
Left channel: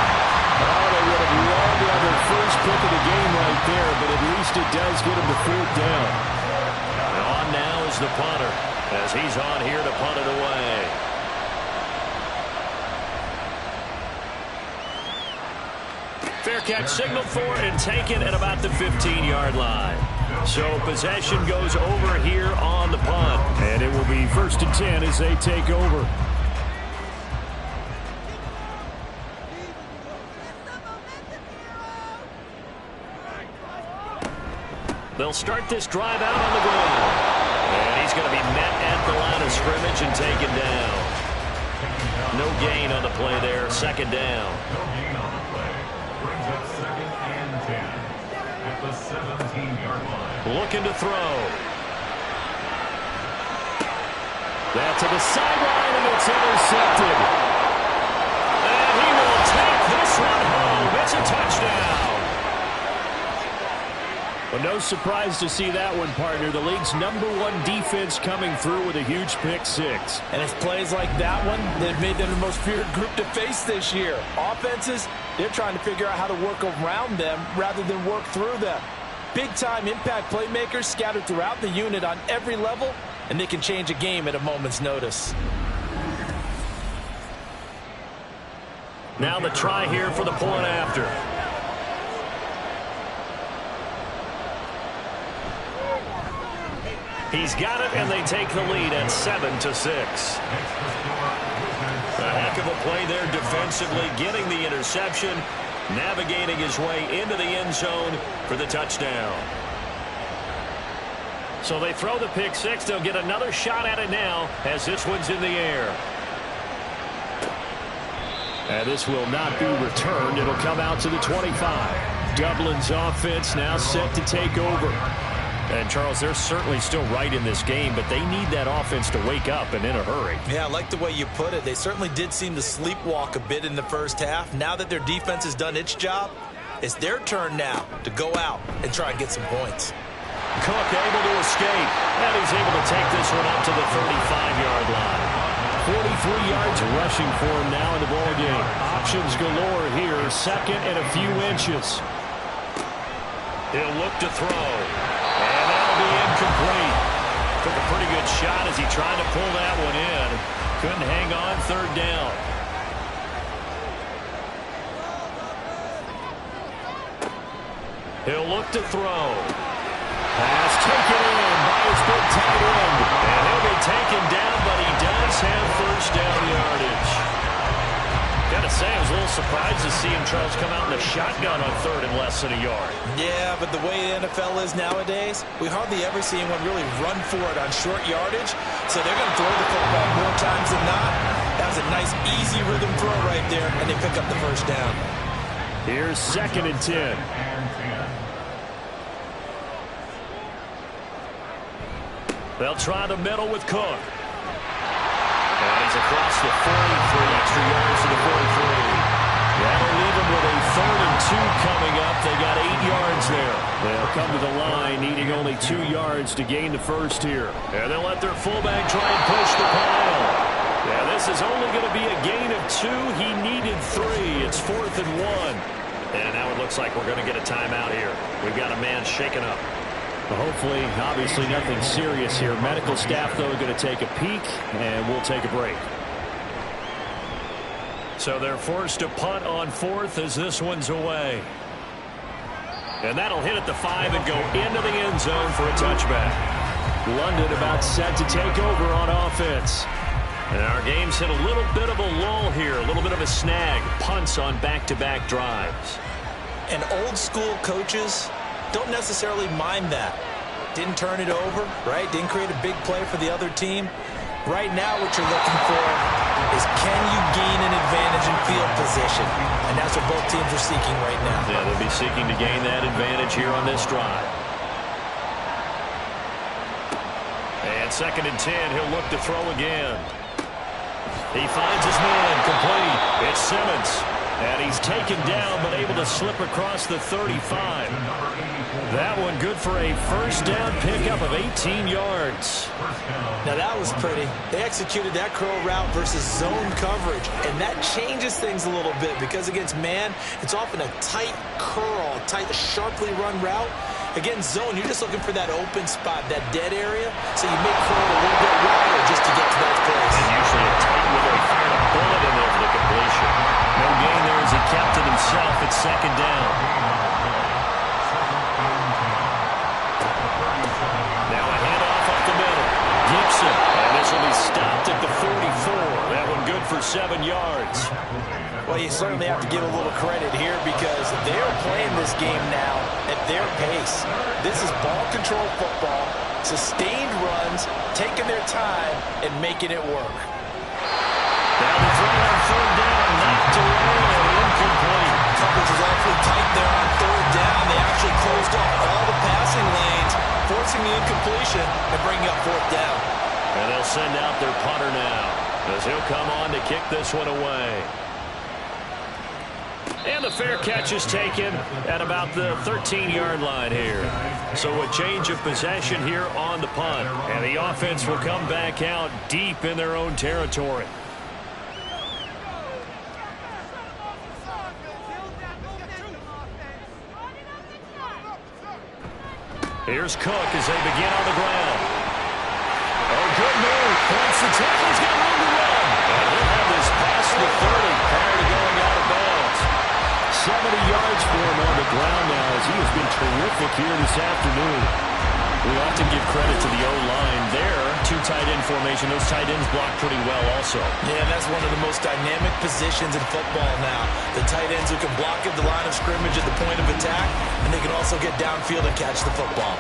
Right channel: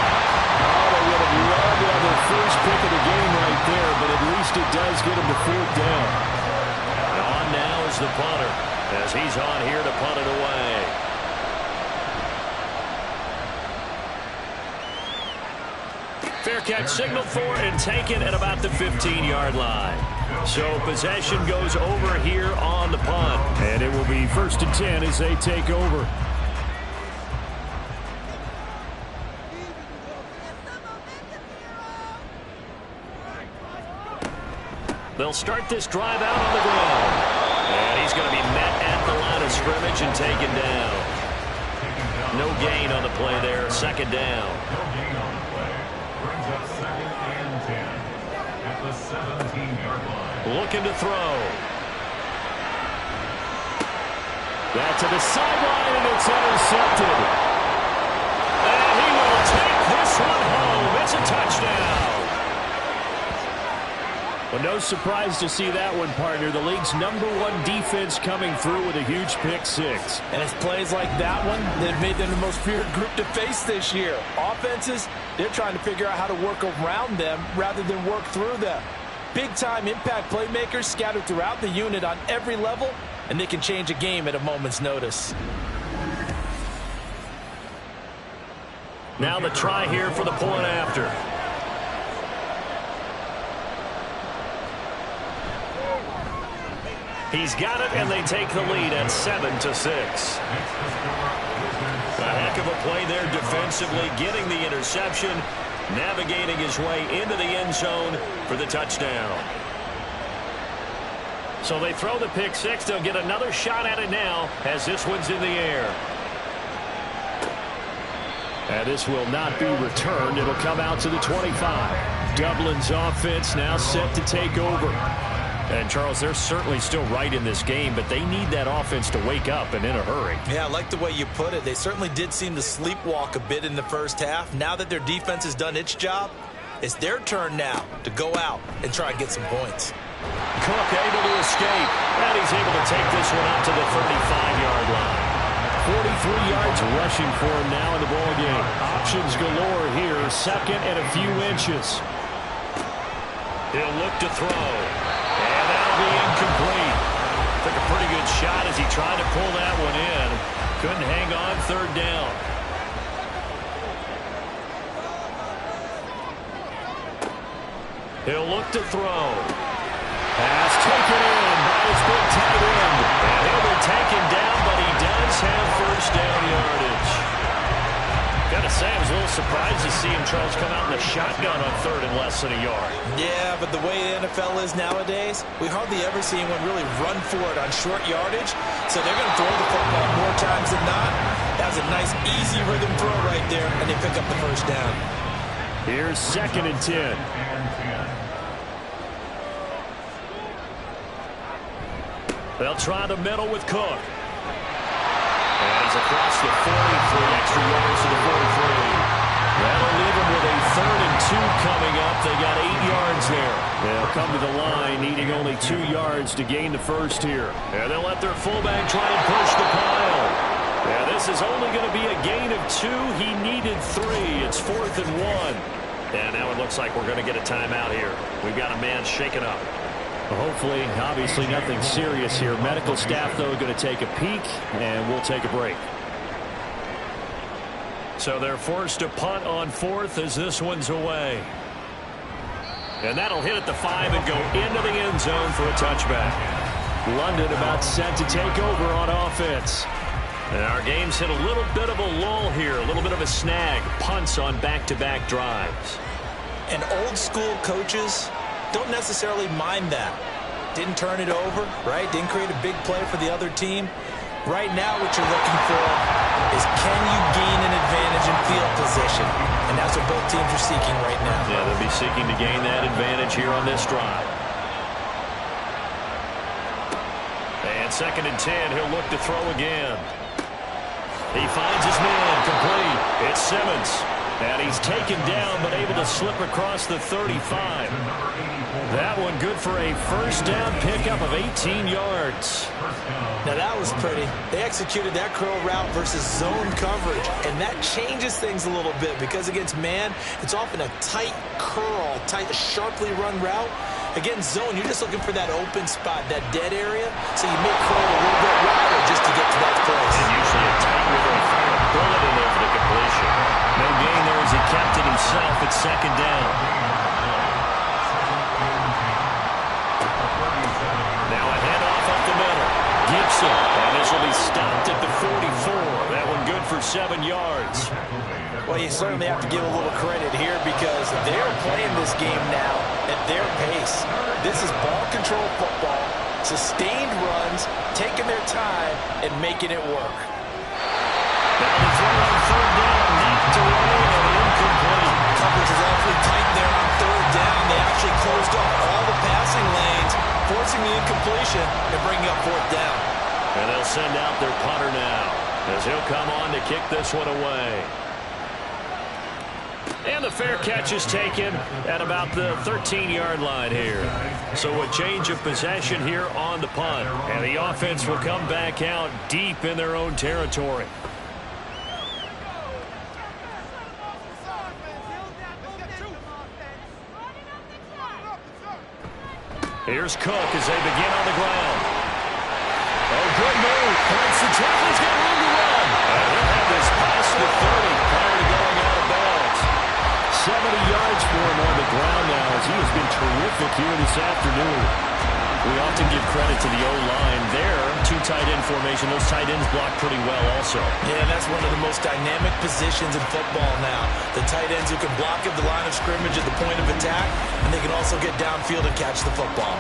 Oh, they would have loved to have their first pick of the game right there, but at least it does get them to 4th down. And on now is the punter, as he's on here to punt it away. Fair catch signaled for and taken at about the 15-yard line. So possession goes over here on the punt. And it will be 1st and 10 as they take over. They'll start this drive out on the ground. And he's going to be met at the line of scrimmage and taken down. No gain on the play there. 2nd down. No gain on the play. Brings up 2nd and 10 at the 17-yard line. Looking to throw. That to the sideline, and it's intercepted. And he will take this one home. It's a touchdown. Well, no surprise to see that one, partner. The league's #1 defense coming through with a huge pick 6. And it's plays like that one that made them the most feared group to face this year. Offenses, they're trying to figure out how to work around them rather than work through them. Big-time impact playmakers scattered throughout the unit on every level, and they can change a game at a moment's notice. Now the try here for the point after. He's got it, and they take the lead at 7-6. A heck of a play there defensively, getting the interception, navigating his way into the end zone for the touchdown. So they throw the pick 6. They'll get another shot at it now as this one's in the air. And this will not be returned. It'll come out to the 25. Dublin's offense now set to take over. And, Charles, they're certainly still right in this game, but they need that offense to wake up and in a hurry. Yeah, I like the way you put it. They certainly did seem to sleepwalk a bit in the first half. Now that their defense has done its job, it's their turn now to go out and try and get some points. Cook able to escape, and he's able to take this one up to the 35-yard line. 43 yards rushing for him now in the ball game. Options galore here, 2nd and a few inches. He'll look to throw. And that'll be incomplete. Took a pretty good shot as he tried to pull that one in. Couldn't hang on 3rd down. He'll look to throw. Pass taken in by his big tight end. And he'll be taken down, but he does have 1st down yardage. Got to say, I was a little surprised to see him, Charles, come out in a shotgun on 3rd and less than a yard. Yeah, but the way the NFL is nowadays, we hardly ever see anyone really run for it on short yardage. So they're going to throw the football more times than not. That was a nice, easy rhythm throw right there, and they pick up the 1st down. Here's 2nd and 10. They'll try the middle with Cook. And he's across the 43, extra yards to the 43. That'll leave him with a 3rd and 2 coming up. They got 8 yards there. They'll come to the line, needing only 2 yards to gain the 1st here. And they'll let their fullback try and push the pile. Yeah, this is only going to be a gain of 2. He needed 3. It's 4th and 1. And now it looks like we're going to get a timeout here. We've got a man shaken up. Hopefully, obviously nothing serious here. Medical staff, though, going to take a peek, and we'll take a break. So they're forced to punt on 4th as this one's away. And that'll hit at the 5 and go into the end zone for a touchback. London about set to take over on offense. And our game's hit a little bit of a lull here, a little bit of a snag. Punts on back-to-back drives. And old-school coaches don't necessarily mind that. Didn't turn it over, right? Didn't create a big play for the other team. Right now what you're looking for is can you gain an advantage in field position? And that's what both teams are seeking right now. Yeah, they'll be seeking to gain that advantage here on this drive. And 2nd and 10, he'll look to throw again. He finds his man complete. It's Simmons. And he's taken down but able to slip across the 35. That one good for a first down pickup of 18 yards. Now that was pretty. They executed that curl route versus zone coverage, and that changes things a little bit because against man, it's often a tight curl, tight, sharply run route. Against zone, you're just looking for that open spot, that dead area, so you make curl a little bit wider just to get to that place. And usually a tight window. He fired a bullet in there for the completion. No gain there as he kept it himself at 2nd down. Now a handoff up the middle. Gibson, and this will be stopped at the 44. That one good for 7 yards. Well, you certainly have to give a little credit here because they're playing this game now at their pace. This is ball control football, sustained runs, taking their time, and making it work. Now the throw on 3rd down, knocked away and incomplete. Coverage was awfully tight there on 3rd down. They actually closed off all the passing lanes, forcing the incompletion and bringing up 4th down. And they'll send out their punter now as he'll come on to kick this one away. And the fair catch is taken at about the 13-yard line here. So a change of possession here on the punt. And the offense will come back out deep in their own territory. Here's Cook as they begin on the ground. Oh, good move. Points the tackle. He's got room to run. And he'll have this past the 30 prior to going out of bounds. 70 yards for him on the ground now as he has been terrific here this afternoon. We often give credit to the O-line there. 2 tight end formation. Those tight ends block pretty well also. Yeah, that's one of the most dynamic positions in football now. The tight ends who can block at the line of scrimmage at the point of attack, and they can also get downfield and catch the football.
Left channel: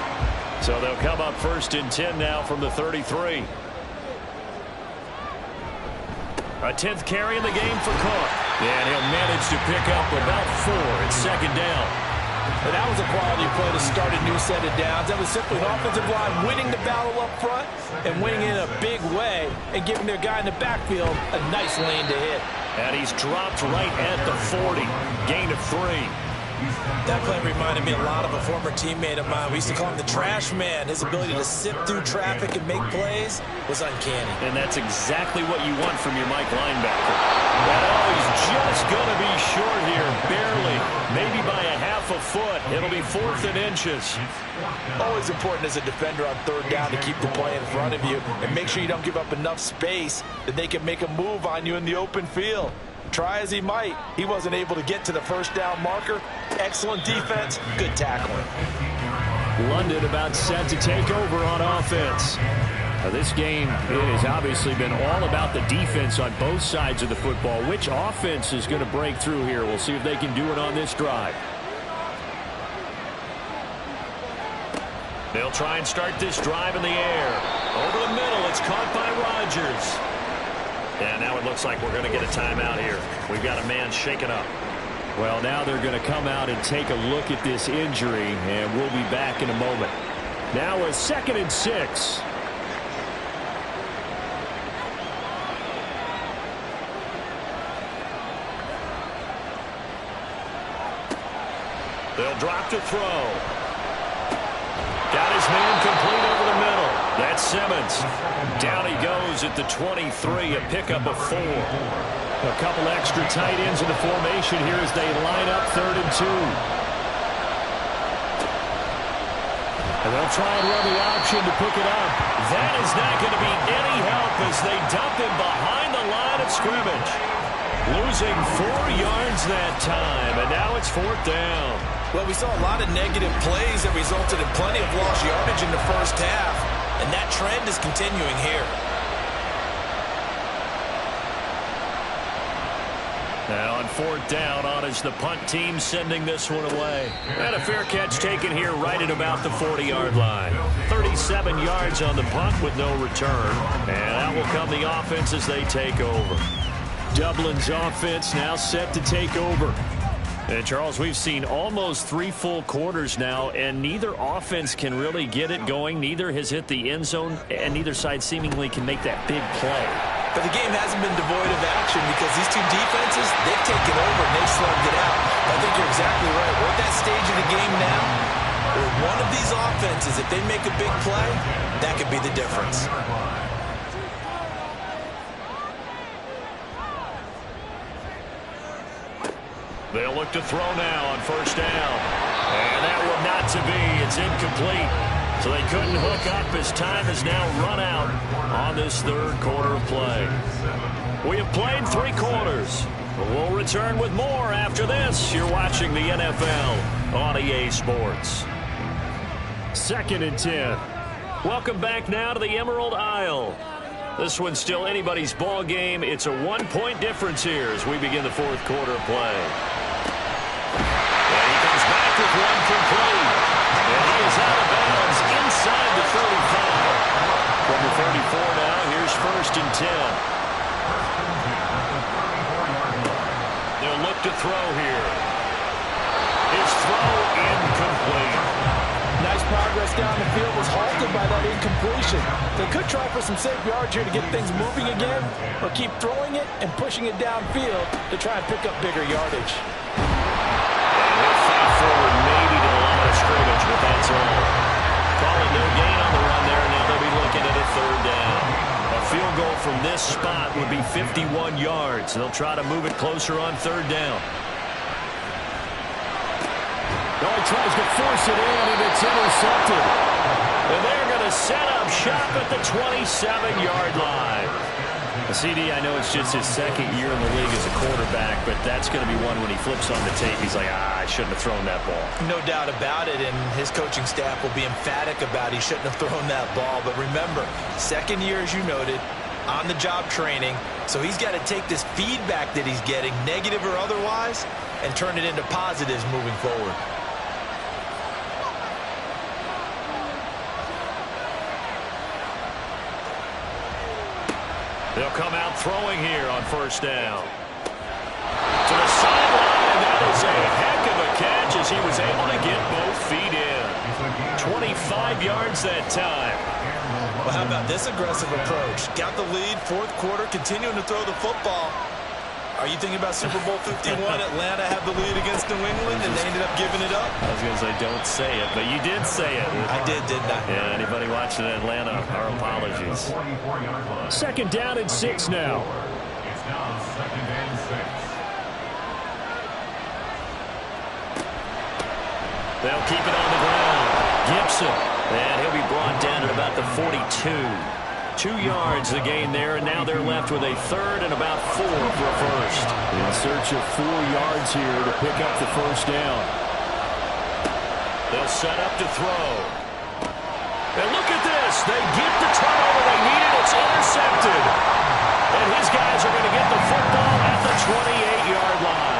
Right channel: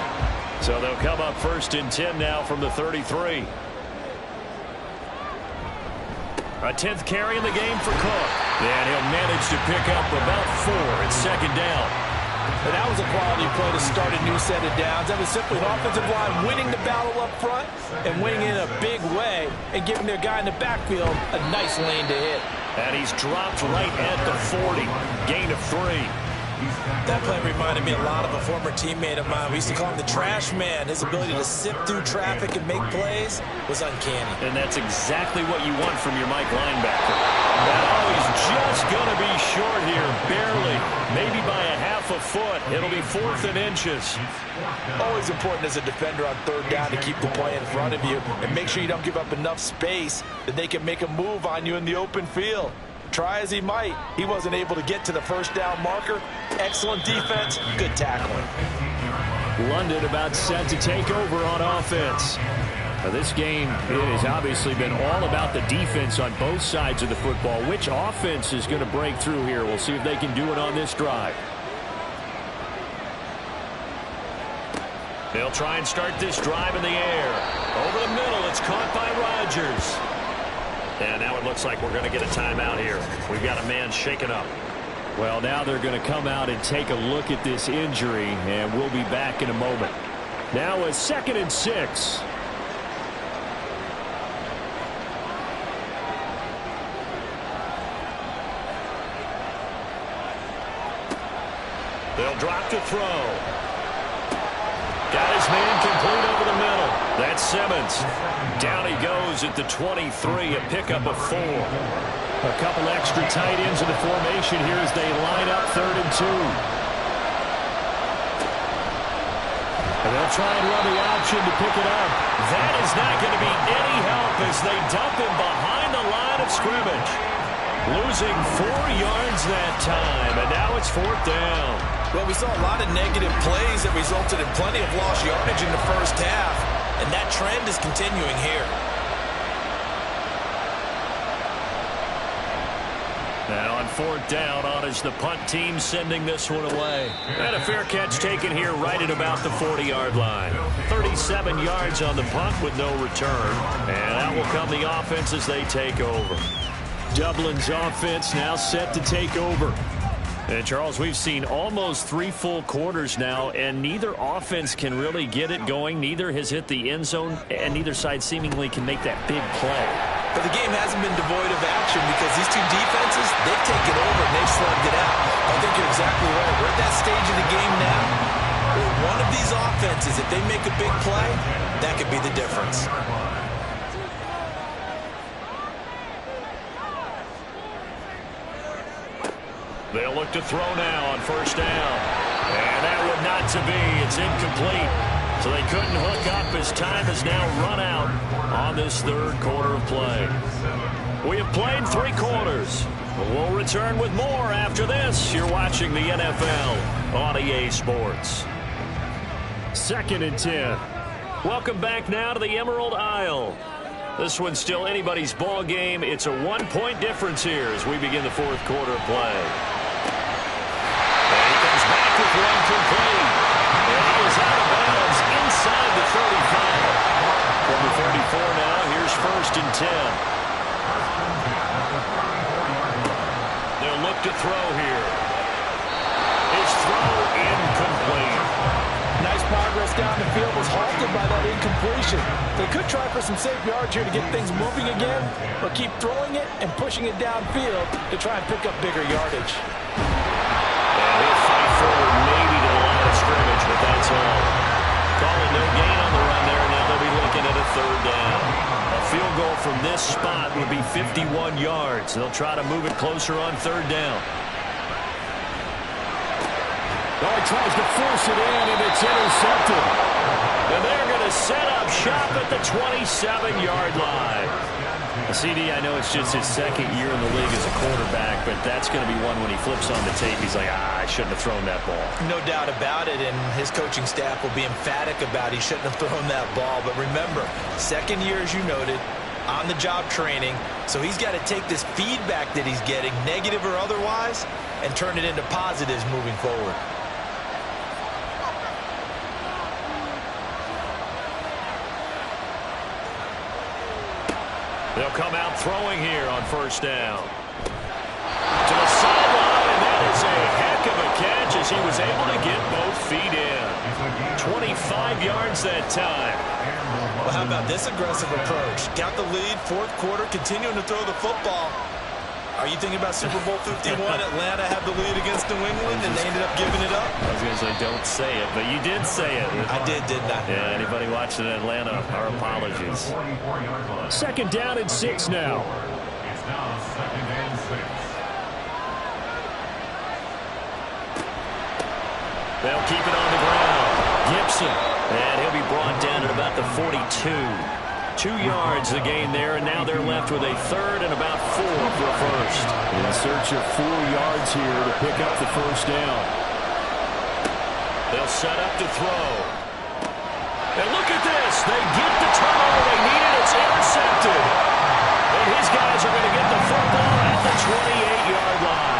So they'll come up 1st and 10 now from the 33. A 10th carry in the game for Cook. And he'll manage to pick up about 4 at 2nd down. And that was a quality play to start a new set of downs. That was simply an offensive line winning the battle up front and winning in a big way and giving their guy in the backfield a nice lane to hit. And he's dropped right at the 40. Gain of 3. That play reminded me a lot of a former teammate of mine. We used to call him the trash man. His ability to sift through traffic and make plays was uncanny. And that's exactly what you want from your Mike linebacker. And oh, he's just going to be short here, barely. Maybe by a half a foot. It'll be 4th and inches. Always important as a defender on 3rd down to keep the play in front of you and make sure you don't give up enough space that they can make a move on you in the open field. Try as he might, he wasn't able to get to the 1st down marker. Excellent defense, good tackling. London about set to take over on offense. Now this game has obviously been all about the defense on both sides of the football. Which offense is going to break through here? We'll see if they can do it on this drive. They'll try and start this drive in the air. Over the middle, it's caught by Rodgers. And now it looks like we're going to get a timeout here. We've got a man shaken up. Well, now they're going to come out and take a look at this injury, and we'll be back in a moment. Now a 2nd and 6. They'll drop to throw. Got his man complete over the middle. That's Simmons. Down he goes at the 23, a pickup of 4. A couple extra tight ends in the formation here as they line up 3rd and 2. And they'll try and run the option to pick it up. That is not going to be any help as they dump him behind the line of scrimmage. Losing 4 yards that time, and now it's 4th down. Well, we saw a lot of negative plays that resulted in plenty of lost yardage in the 1st half, and that trend is continuing here. And on fourth down, on is the punt team sending this one away. And a fair catch taken here right at about the 40-yard line. 37 yards on the punt with no return. And out will come the offense as they take over. Dublin's offense now set to take over. And Charles, we've seen almost 3 full quarters now, and neither offense can really get it going. Neither has hit the end zone, and neither side seemingly can make that big play. But the game hasn't been devoid of action because these two defenses, they've taken over and they've slugged it out. I think you're exactly right. We're at that stage of the game now where one of these offenses, if they make a big play, that could be the difference. They'll look to throw now on first down. And that would not to be. It's incomplete. So they couldn't hook up as time has now run out on this third quarter of play. We have played 3 quarters. We'll return with more after this. You're watching the NFL on EA Sports. 2nd and 10. Welcome back now to the Emerald Isle. This one's still anybody's ball game. It's a 1-point difference here as we begin the fourth quarter of play. And he comes back with one complete. And he is out of bounds inside the 35. From the 34 now, here's 1st and 10. They'll look to throw here. His throw incomplete. Nice progress down the field was halted by that incompletion. They could try for some safe yards here to get things moving again, or keep throwing it and pushing it downfield to try and pick up bigger yardage. And he'll fight forward maybe to the line of scrimmage, but that's all. Call it no gain on the run there, and now they'll be looking at a 3rd down. A field goal from this spot would be 51 yards. They'll try to move it closer on 3rd down. Oh, he tries to force it in, and it's intercepted. And they're going to set up shop at the 27-yard line. CD, I know it's just his 2nd year in the league as a quarterback, but that's going to be one when he flips on the tape. He's like, I shouldn't have thrown that ball. No doubt about it, and his coaching staff will be emphatic about he shouldn't have thrown that ball. But remember, 2nd year, as you noted, on-the-job training, so he's got to take this feedback that he's getting, negative or otherwise, and turn it into positives moving forward. They'll come out throwing here on 1st down. To the sideline, and that is a heck of a catch as he was able to get both feet in. 25 yards that time. Well, how about this aggressive approach? Got the lead, 4th quarter, continuing to throw the football. Are you thinking about Super Bowl 51? Atlanta had the lead against New England, and they ended up giving it up? I was going to say, don't say it, but you did say it. I did, didn't I? Yeah, anybody watching Atlanta, our apologies. 2nd down and 6 now. It's now 2nd and 6. They'll keep it on the ground. Gibson, and he'll be brought down at about the 42. 2 yards the gain there, and now they're left with a 3rd and about 4 for a 1st. In search of 4 yards here to pick up the 1st down. They'll set up to throw. And look at this. They get the turnover they needed. It's intercepted. And his guys are going to get the football at the 28-yard line.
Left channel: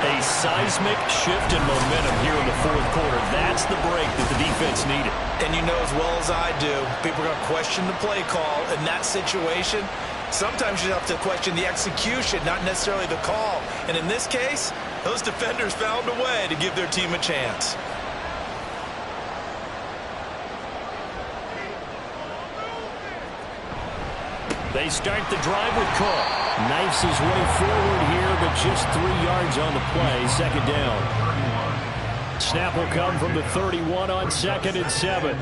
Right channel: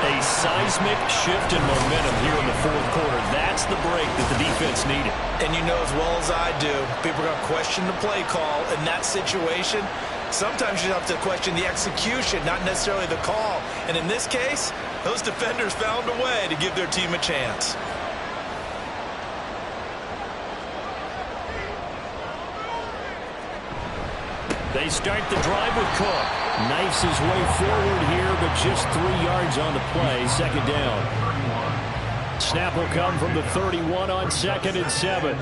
A seismic shift in momentum here in the 4th quarter. That's the break that the defense needed. And you know as well as I do, people are going to question the play call in that situation. Sometimes you have to question the execution, not necessarily the call. And in this case, those defenders found a way to give their team a chance. They start the drive with Cook. Knifes his way forward here, but just 3 yards on the play. 2nd down. Snap will come from the 31 on 2nd and 7.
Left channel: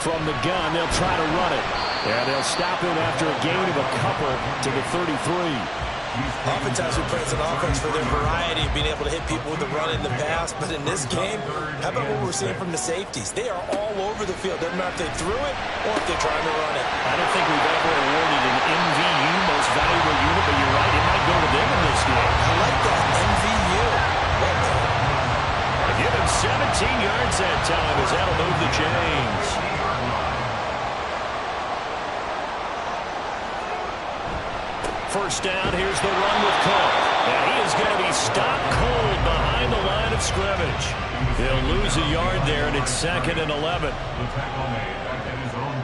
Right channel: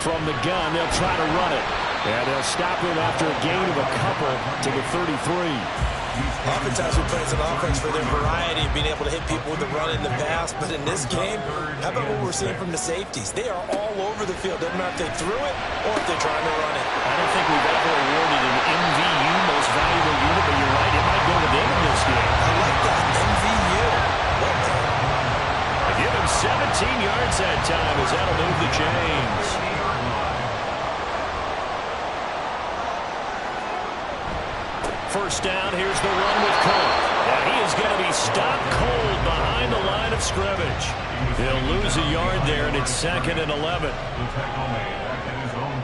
From the gun, they'll try to run it. And they'll stop him after a gain of a couple to the 33. Oftentimes we play as an offense for their variety of being able to hit people with the run in the pass. But in this game, how about what we're seeing from the safeties? They are all over the field. Doesn't matter if they threw it or if they're trying to run it. I don't think we've ever awarded an MVU, most valuable unit, but you're right, it might go to them in this game. I like that, MVU. They give him 17 yards that time as that'll move the chains. first down. Here's the run with Cook. And he is going to be stopped cold behind the line of scrimmage. He'll lose a yard there, and it's 2nd and 11. The tackle made back at his own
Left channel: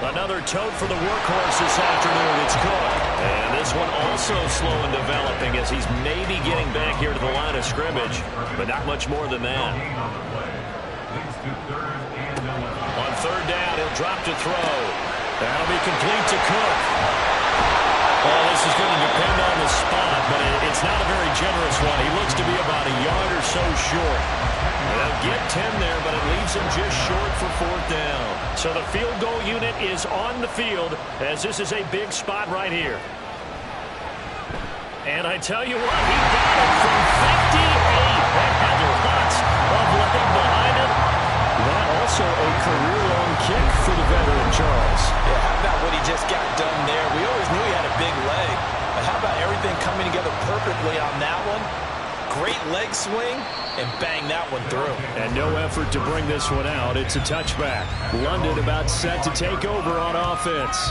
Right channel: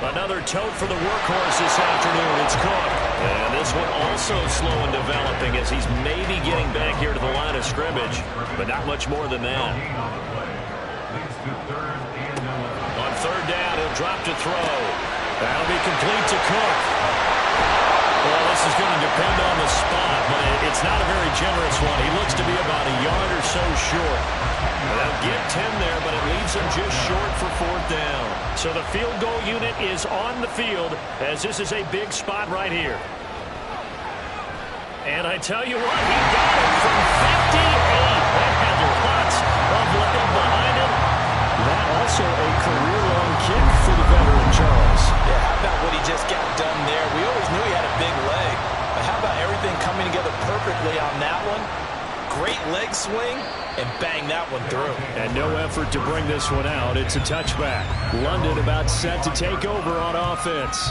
49. Another tote for the workhorse this afternoon. It's Cook. And this one also slow in developing as he's maybe getting back here to the line of scrimmage, but not much more than that. On 3rd down, he'll drop to throw. That'll be complete to Cook. Well, this is going to depend on the spot, but it's not a very generous one. He looks to be about a yard or so short. They'll get 10 there, but it leaves them just short for 4th down. So the field goal unit is on the field as this is a big spot right here. And I tell you what, he got it from 58. That had lots of leg behind it. That also a career-long kick for the veteran, Charles. Yeah, how about what he just got done there? We always knew he had a big leg, but how about everything coming together perfectly on that one? Great leg swing, and bang that one through. And no effort to bring this one out. It's a touchback. London about set to take over on offense.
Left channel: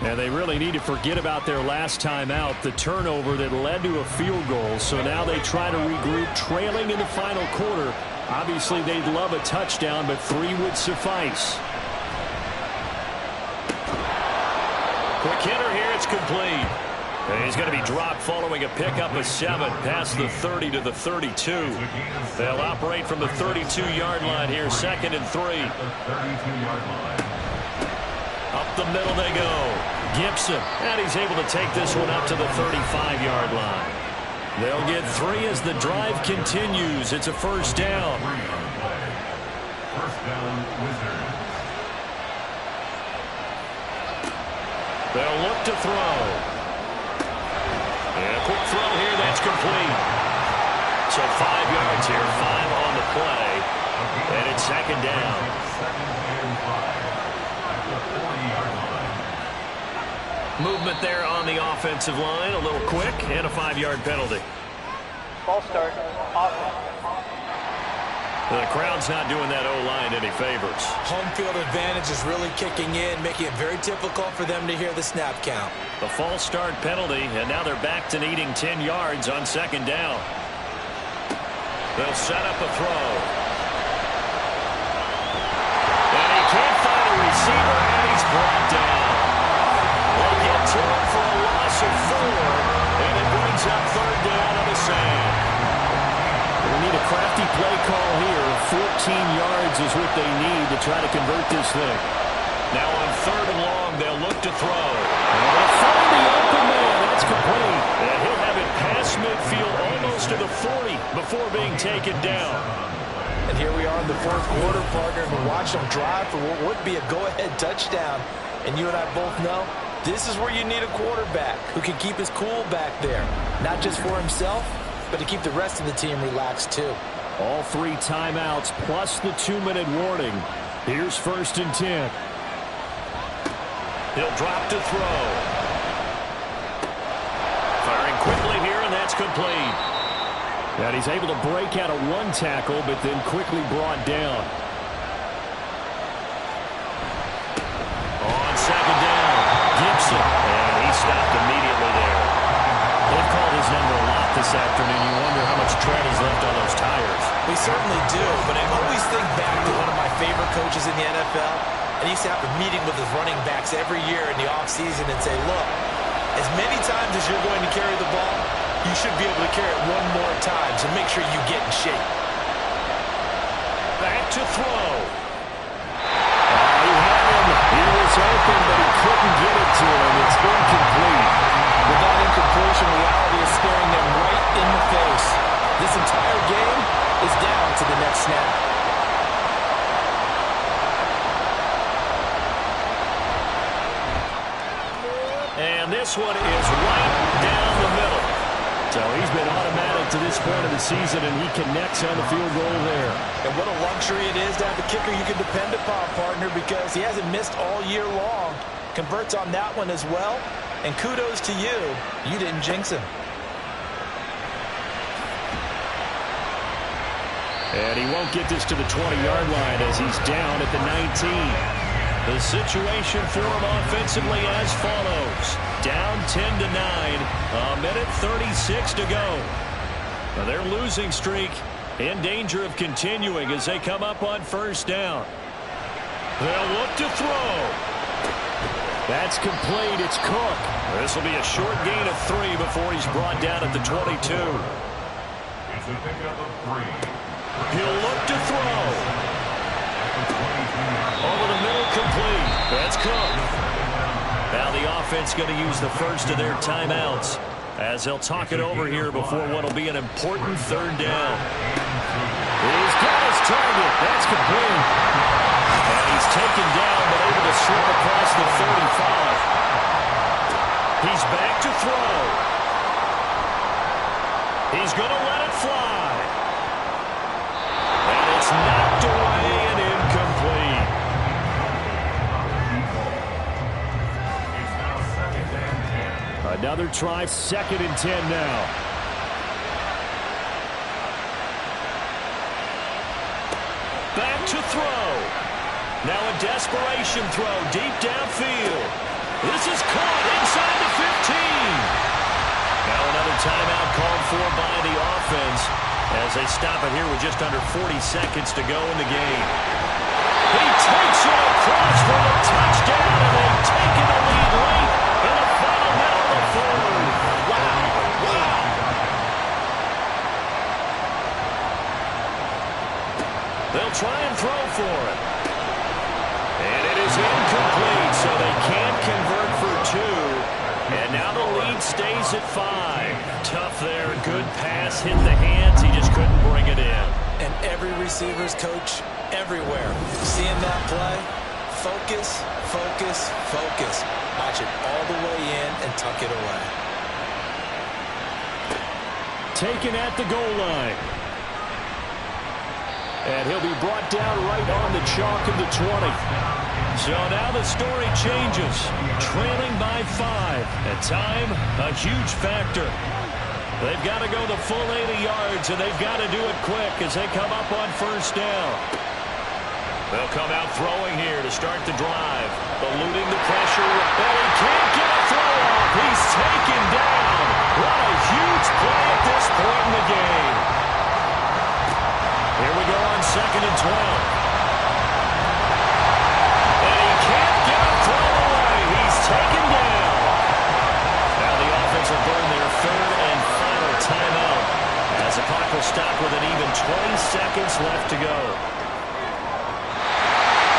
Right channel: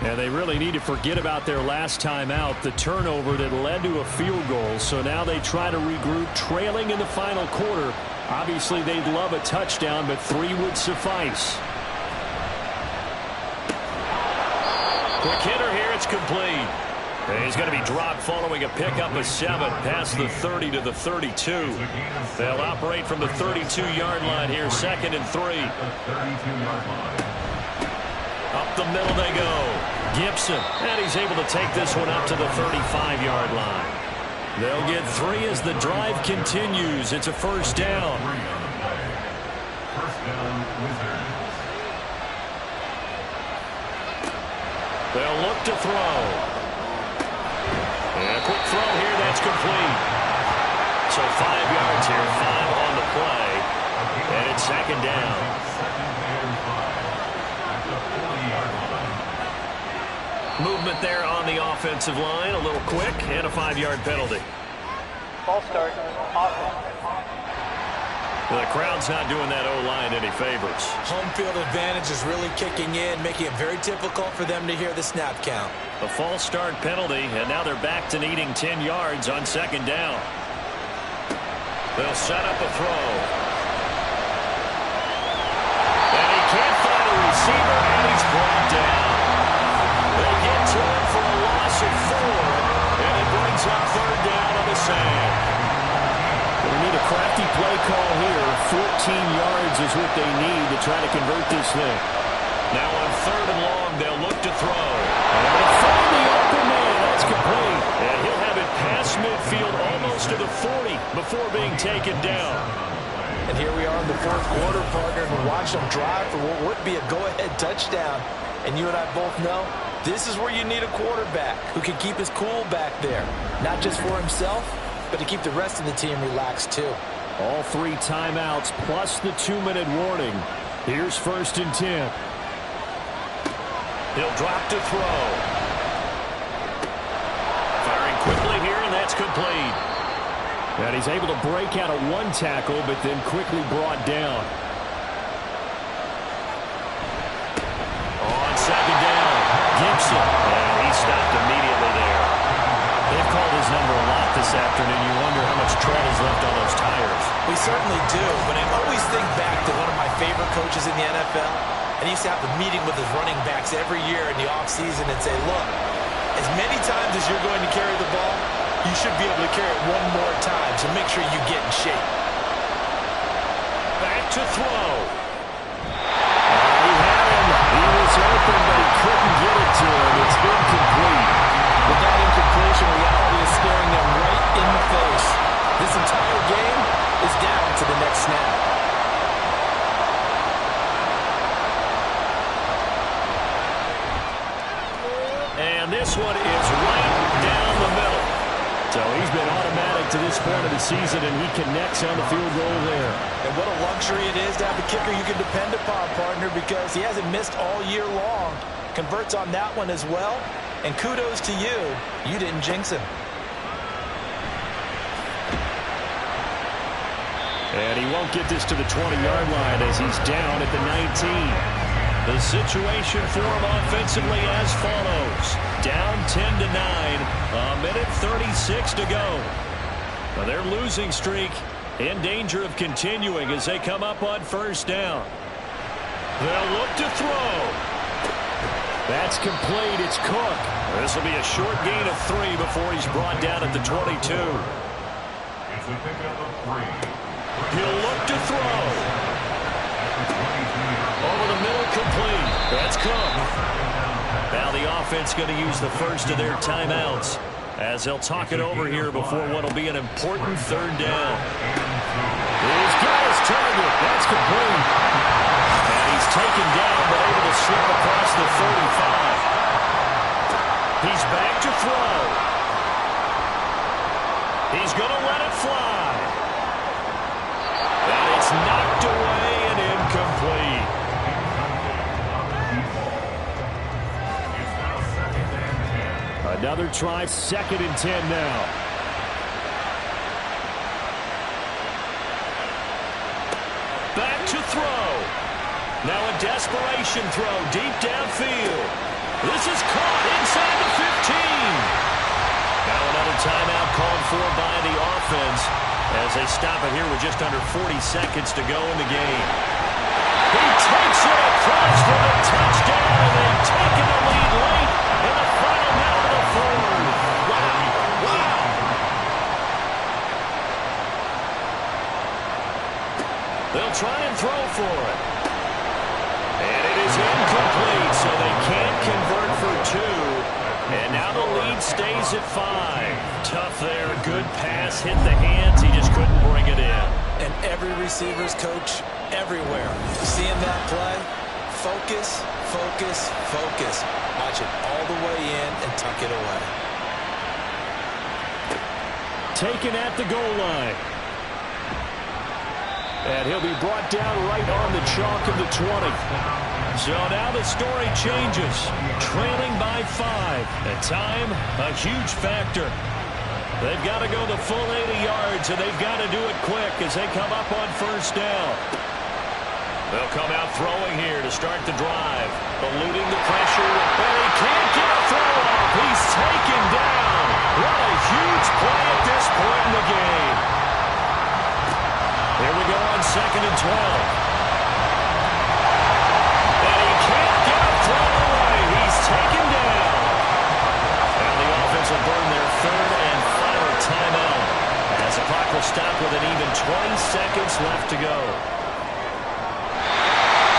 And they really need to forget about their last time out, the turnover that led to a field goal. So now they try to regroup, trailing in the final quarter. Obviously, they'd love a touchdown, but 3 would suffice. Quick hitter here. It's complete. And he's going to be dropped following a pickup of 7 past the 30 to the 32. They'll operate from the 32-yard line here, 2nd and 3. Up the middle they go. Gibson, and he's able to take this one up to the 35-yard line. They'll get 3 as the drive continues. It's a 1st down. 1st down, Wizards. They'll look to throw. And a quick throw here, that's complete. So 5 yards here, 5 on the play. And it's 2nd down. 2nd and 5 at the 40-yard line. Movement there on the offensive line, a little quick, and a 5-yard penalty. Ball start, offense. The crowd's not doing that O-line any favors. Home field advantage is really kicking in, making it very difficult for them to hear the snap count. A false start penalty, and now they're back to needing 10 yards on 2nd down. They'll set up a throw. And he can't find a receiver, and he's brought down. They get to him for a loss of 4, and it brings up 3rd down on the sand. We need a crafty play call here. 14 yards is what they need to try to convert this thing. Now on 3rd and long, they'll look to throw. And they'll find the open man. That's complete. And he'll have it past midfield almost to the 40 before being taken down. And here we are in the 4th quarter, partner, and we watch them drive for what would be a go-ahead touchdown. And you and I both know this is where you need a quarterback who can keep his cool back there. Not just for himself, but to keep the rest of the team relaxed too. All 3 timeouts plus the 2-minute warning. Here's 1st and 10. He'll drop to throw. Firing quickly here, and that's complete. And he's able to break out of 1 tackle, but then quickly brought down. On 2nd down, Gibson. And he stopped immediately there. They've called his number a lot this afternoon. You wonder how much tread is left on those tires. We certainly do, but I always think back to one of my favorite coaches in the NFL. And he used to have a meeting with his running backs every year in the offseason and say, look, as many times as you're going to carry the ball, you should be able to carry it 1 more time, so make sure you get in shape. Back to throw. He had him. He was open, but he couldn't get it to him. It's incomplete. With that incompletion, reality is staring them right in the face. This entire game is down to the next snap. And this one is right down the middle. So he's been automatic to this point of the season, and he connects on the field goal there. And what a luxury it is to have a kicker you can depend upon, partner, because he hasn't missed all year long. Converts on that one as well. And kudos to you. You didn't jinx him. And he won't get this to the 20-yard line as he's down at the 19. The situation for them offensively as follows. Down 10-9, a minute 36 to go. Now their losing streak in danger of continuing as they come up on first down. They'll look to throw. That's complete. It's Cook. This will be a short gain of 3 before he's brought down at the 22. It's a pickup of 3. He'll look to throw. Over the middle, complete. That's Cook. Now the offense going to use the first of their timeouts as they'll talk it over here before what will be an important third down. He's got his target. That's complete. And he's taken down but able to slip across the 35. He's back to throw. He's going to let it fly. And it's knocked away and incomplete. Another try, 2nd and 10 now. Back to throw. Now a desperation throw deep downfield. This is caught inside the 15. Now another timeout called for by the offense as they stop it here with just under 40 seconds to go in the game. He takes it across for the touchdown, and they've taken the lead late in the final minute of the fourth. Wow. Wow. They'll try and throw for it. And it is incomplete, so they can't convert for 2. And now the lead stays at 5. Tough there. Good pass. Hit the hands. He just couldn't bring it in. And every receiver's coach everywhere. Seeing that play, focus, focus, focus. Watch it all the way in and tuck it away. Taken at the goal line. And he'll be brought down right on the chalk of the 20. So now the story changes. Trailing by 5. At time, a huge factor. They've got to go the full 80 yards, and they've got to do it quick as they come up on first down. They'll come out throwing here to start the drive. Eluding the pressure, and he can't get a throw off. He's taken down. What a huge play at this point in the game. Here we go on 2nd and 12. And he can't get a throw away. He's taken down. Now the offense will burn their 3rd and final timeout as the clock will stop with an even 20 seconds left to go.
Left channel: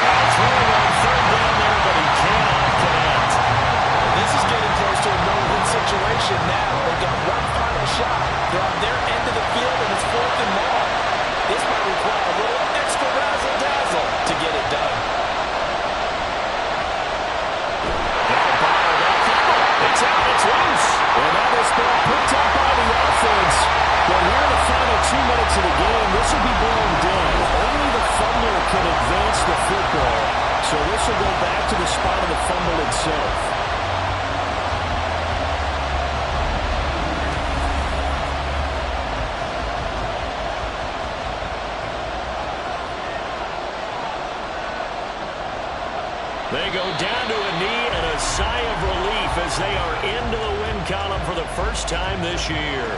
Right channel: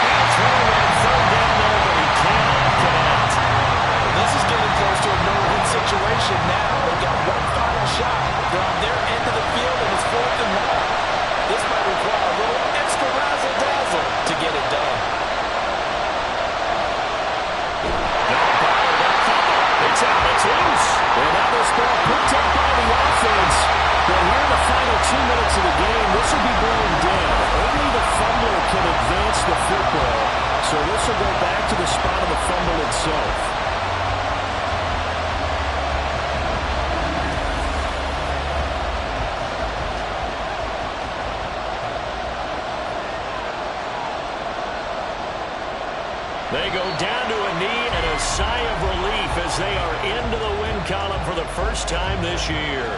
Now throwing on 3rd down there, but he cannot connect. This is getting close to a no-win situation now. They've got one final shot. They're on their end of the field, and it's 4th and long. This might require a little extra razzle-dazzle to get it done. Now bottled up. It's out. It's loose. And now this ball picked up by the offense. But here in the final 2 minutes of the game, this will be blown dead. Only the fumbler can advance the football. So this will go back to the spot of the fumble itself. They go down to a knee and a sigh of relief as they are into the win column for the first time this year.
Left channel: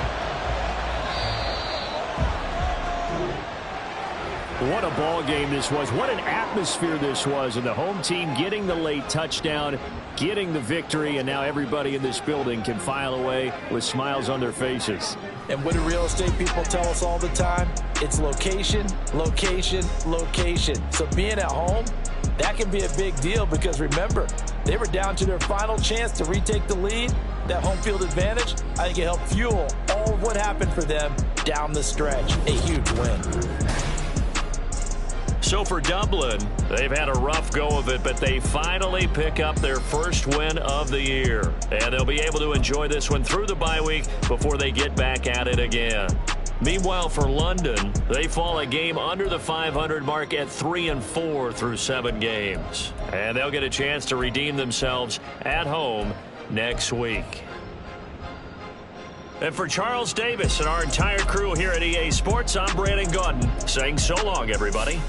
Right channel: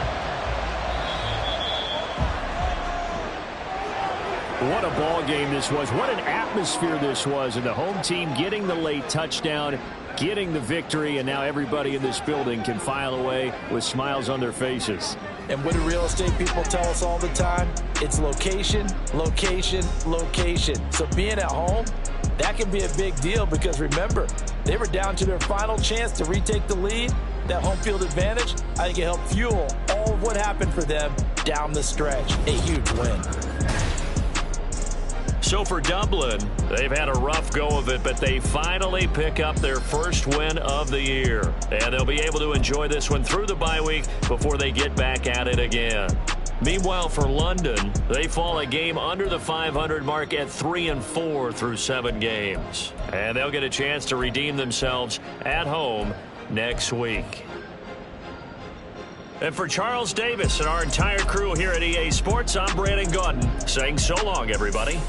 What a ball game this was. What an atmosphere this was. And the home team getting the late touchdown, getting the victory, and now everybody in this building can file away with smiles on their faces. And what do real estate people tell us all the time? It's location, location, location. So being at home, that can be a big deal because, remember, they were down to their final chance to retake the lead. That home field advantage, I think it helped fuel all of what happened for them down the stretch. A huge win. So for Dublin, they've had a rough go of it, but they finally pick up their first win of the year. And they'll be able to enjoy this one through the bye week before they get back at it again. Meanwhile, for London, they fall a game under the 500 mark at 3-4 through 7 games. And they'll get a chance to redeem themselves at home next week. And for Charles Davis and our entire crew here at EA Sports, I'm Brandon Gaudin saying so long, everybody.